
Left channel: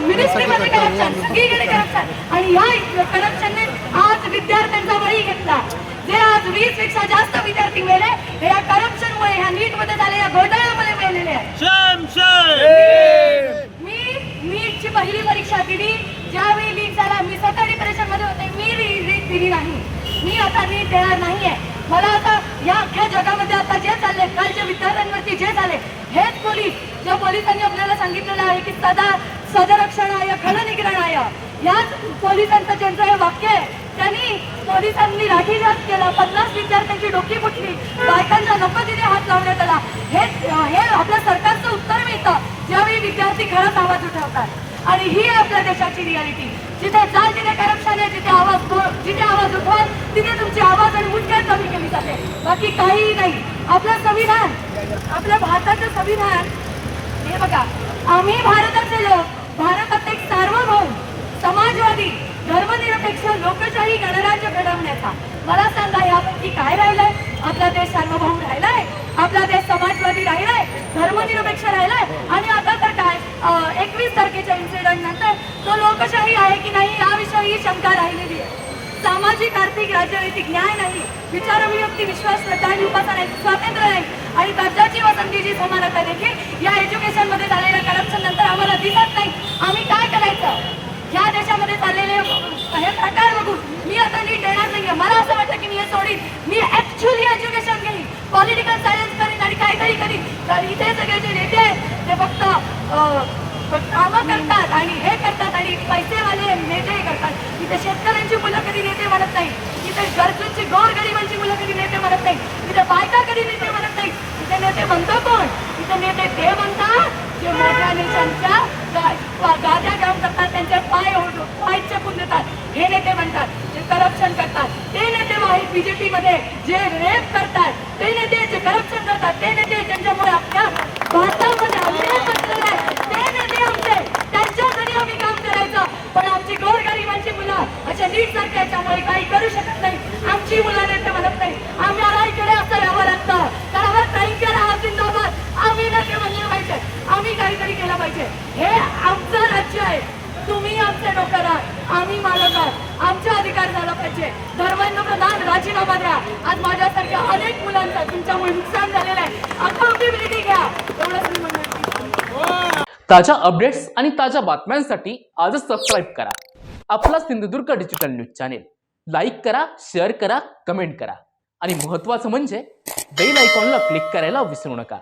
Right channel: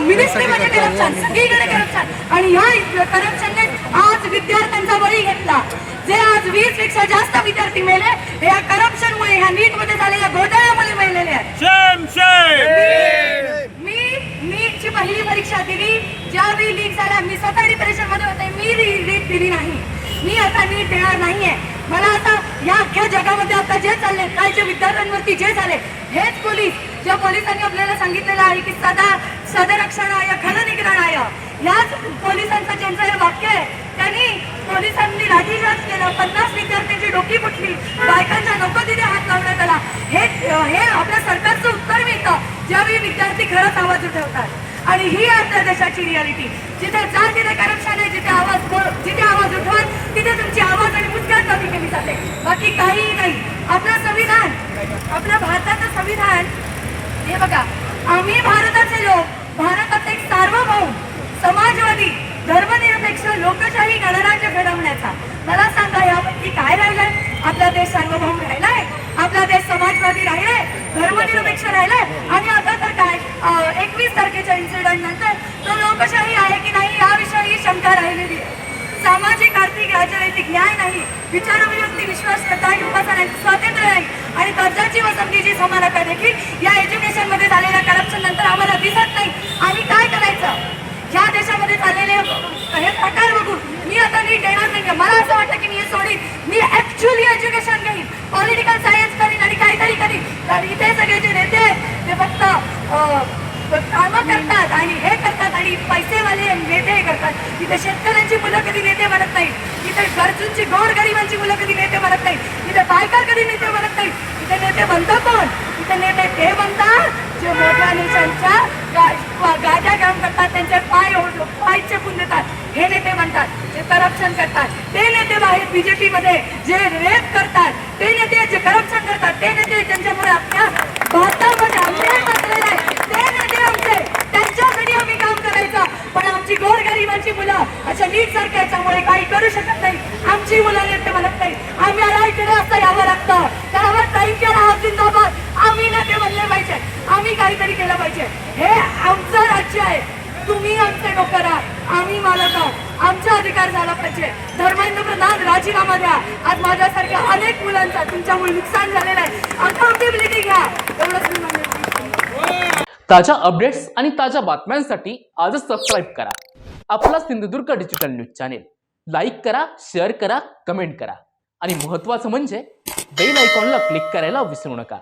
मिनिस्ट्रीमध्ये करप्शन, सगळीकडे करप्शन. आणि या करप्शनने आज विद्यार्थ्यांचा बळी घेतला. जे आज 20 पेक्षा जास्त विद्यार्थी मेले हे या करप्शनमुळे, ह्या नीट मध्ये झालेल्या घोटाळ्यामुळे मेलेले आहेत. मी नीटची पहिली परीक्षा दिली ज्यावेळी लीक झाला. मी स्वतः डिप्रेशन मध्ये होते, मी नीट दिली नाही. मी आता नीट देणार नाहीये. मला आता या अख्ख्या जगामध्ये आता जे चालले, कालच्या विद्यार्थ्यांवरती जे झाले, हेच पोलीस, ज्या पोलिसांनी आपल्याला सांगितलेलं आहे की सदरक्षणाय खलनिग्रहणाय, याच पोलिसांचं ज्यांचं हे वाक्य आहे, त्यांनी पोलिसांनी लाठीचार्ज केला, 50 विद्यार्थ्यांची डोकी फुटली, बायकांच्या नको तिथे हात लावण्यात आला. हे आपल्या सरकारचं उत्तर मिळतं ज्यावेळी विद्यार्थी खरंच आवाज उठवतात. आणि ही आपल्या देशाची रियालिटी. जिथे जा तिथे करप्शन आहे, जिथे आवाज उठवाल तिथे तुमची आवाज आणि मुद्गात कमी केली जाते, बाकी काहीही नाही. आपलं संविधान, आपल्या भारताचं संविधान, हे बघा, आम्ही भारताचे लोक, भारतात एक सार्वभौम, समाजवादी, धर्मनिरपेक्ष, लोकशाही गणराज्य घडवण्याचा. मला सांगा यापैकी काय राहिलंय? आपला देश सार्वभौम राहिलाय, आपला देश समाजवादी राहिलाय, धर्मनिरपेक्ष राहिलाय. आणि आता तर काय, 21 तारखेच्या इन्सिडेंट नंतर तो लोकशाही आहे की नाही याविषयी शंका राहिलेली आहे. सामाजिक, आर्थिक, राजनैतिक न्याय नाही, विचार अभिव्यक्ती, विश्वास, श्रद्धा आणि उपासनांचे स्वातंत्र्य नाही आणि दर्जाची व संधीची समानता देखील या एज्युकेशन मध्ये झालेल्या करप्शन नंतर आम्हाला दिसत नाही. आम्ही काय करायचं? या देशामध्ये चाललेले हे प्रकार बघून मी आता नीट देणार नाही. मला असं वाटतं की मी हे सोडीन, मी ऍक्च्युअली एज्युकेशन घेईन, पॉलिटिकल सायन्स करीन आणि काहीतरी करीन. कारण इथे सगळे जे नेते आहेत ते फक्त कामं करतात आणि हे करतात आणि पैसेवाले नेते हे करतात. इथे शेतकऱ्यांची मुलं कधी नेते म्हणत नाही, इथे गरजूंची, गोरगरिबांची मुलं कधी नेते म्हणत नाही, इथे बायका कधी नेते म्हणत नाही. इथे नेते म्हणतो कोण? इथे नेते ते म्हणतात जे मोठ्या नेत्यांच्या गाद्या काम करतात, त्यांचे पाय चेपून देतात, हे नेते म्हणतात. जे करप्शन करतात ते नेते बाहेर बीजेपी मध्ये, जे रेप करतात ते नेते, जे करप्शन करतात ते नेते, ज्यांच्यामुळे आपल्या भारतामध्ये अन्याय बसलेला आहे ते नेते आमचे. त्यांच्यासाठी आम्ही काम करायचं. पण आमची गोरगरिबांची मुलं अशा नीट सारख्या याच्यामुळे काही करू शकत नाही. आमची मुलं नेते म्हणत नाही. आम्ही रायकडे असं यावं लागतं, करावं नाही केला जिंदाबाद. आम्ही नेते म्हणले पाहिजे, आम्ही काहीतरी केलं पाहिजे. हे आमचं राज्य आहे, तुम्ही आमचे नोकर आहात, आम्ही मालक आहोत. आमचा अधिकार झाला पाहिजे. धर्मेंद्र प्रधान राजीनामा द्या. आज माझ्यासारख्या अनेक मुलांचा तुमच्यामुळे नुकसान झालेलं आहे. अकाउंटेबिलिटी घ्या, एवढंच मी म्हणतो. ताज्या अपडेट्स आणि ताज्या बातम्यांसाठी आजच सबस्क्राईब करा आपला Sindhudurg digital news channel. Like करा, शेअर करा, कमेंट करा आणि महत्त्वाचं म्हणजे बेल आयकॉनला क्लिक करायला विसरू नका.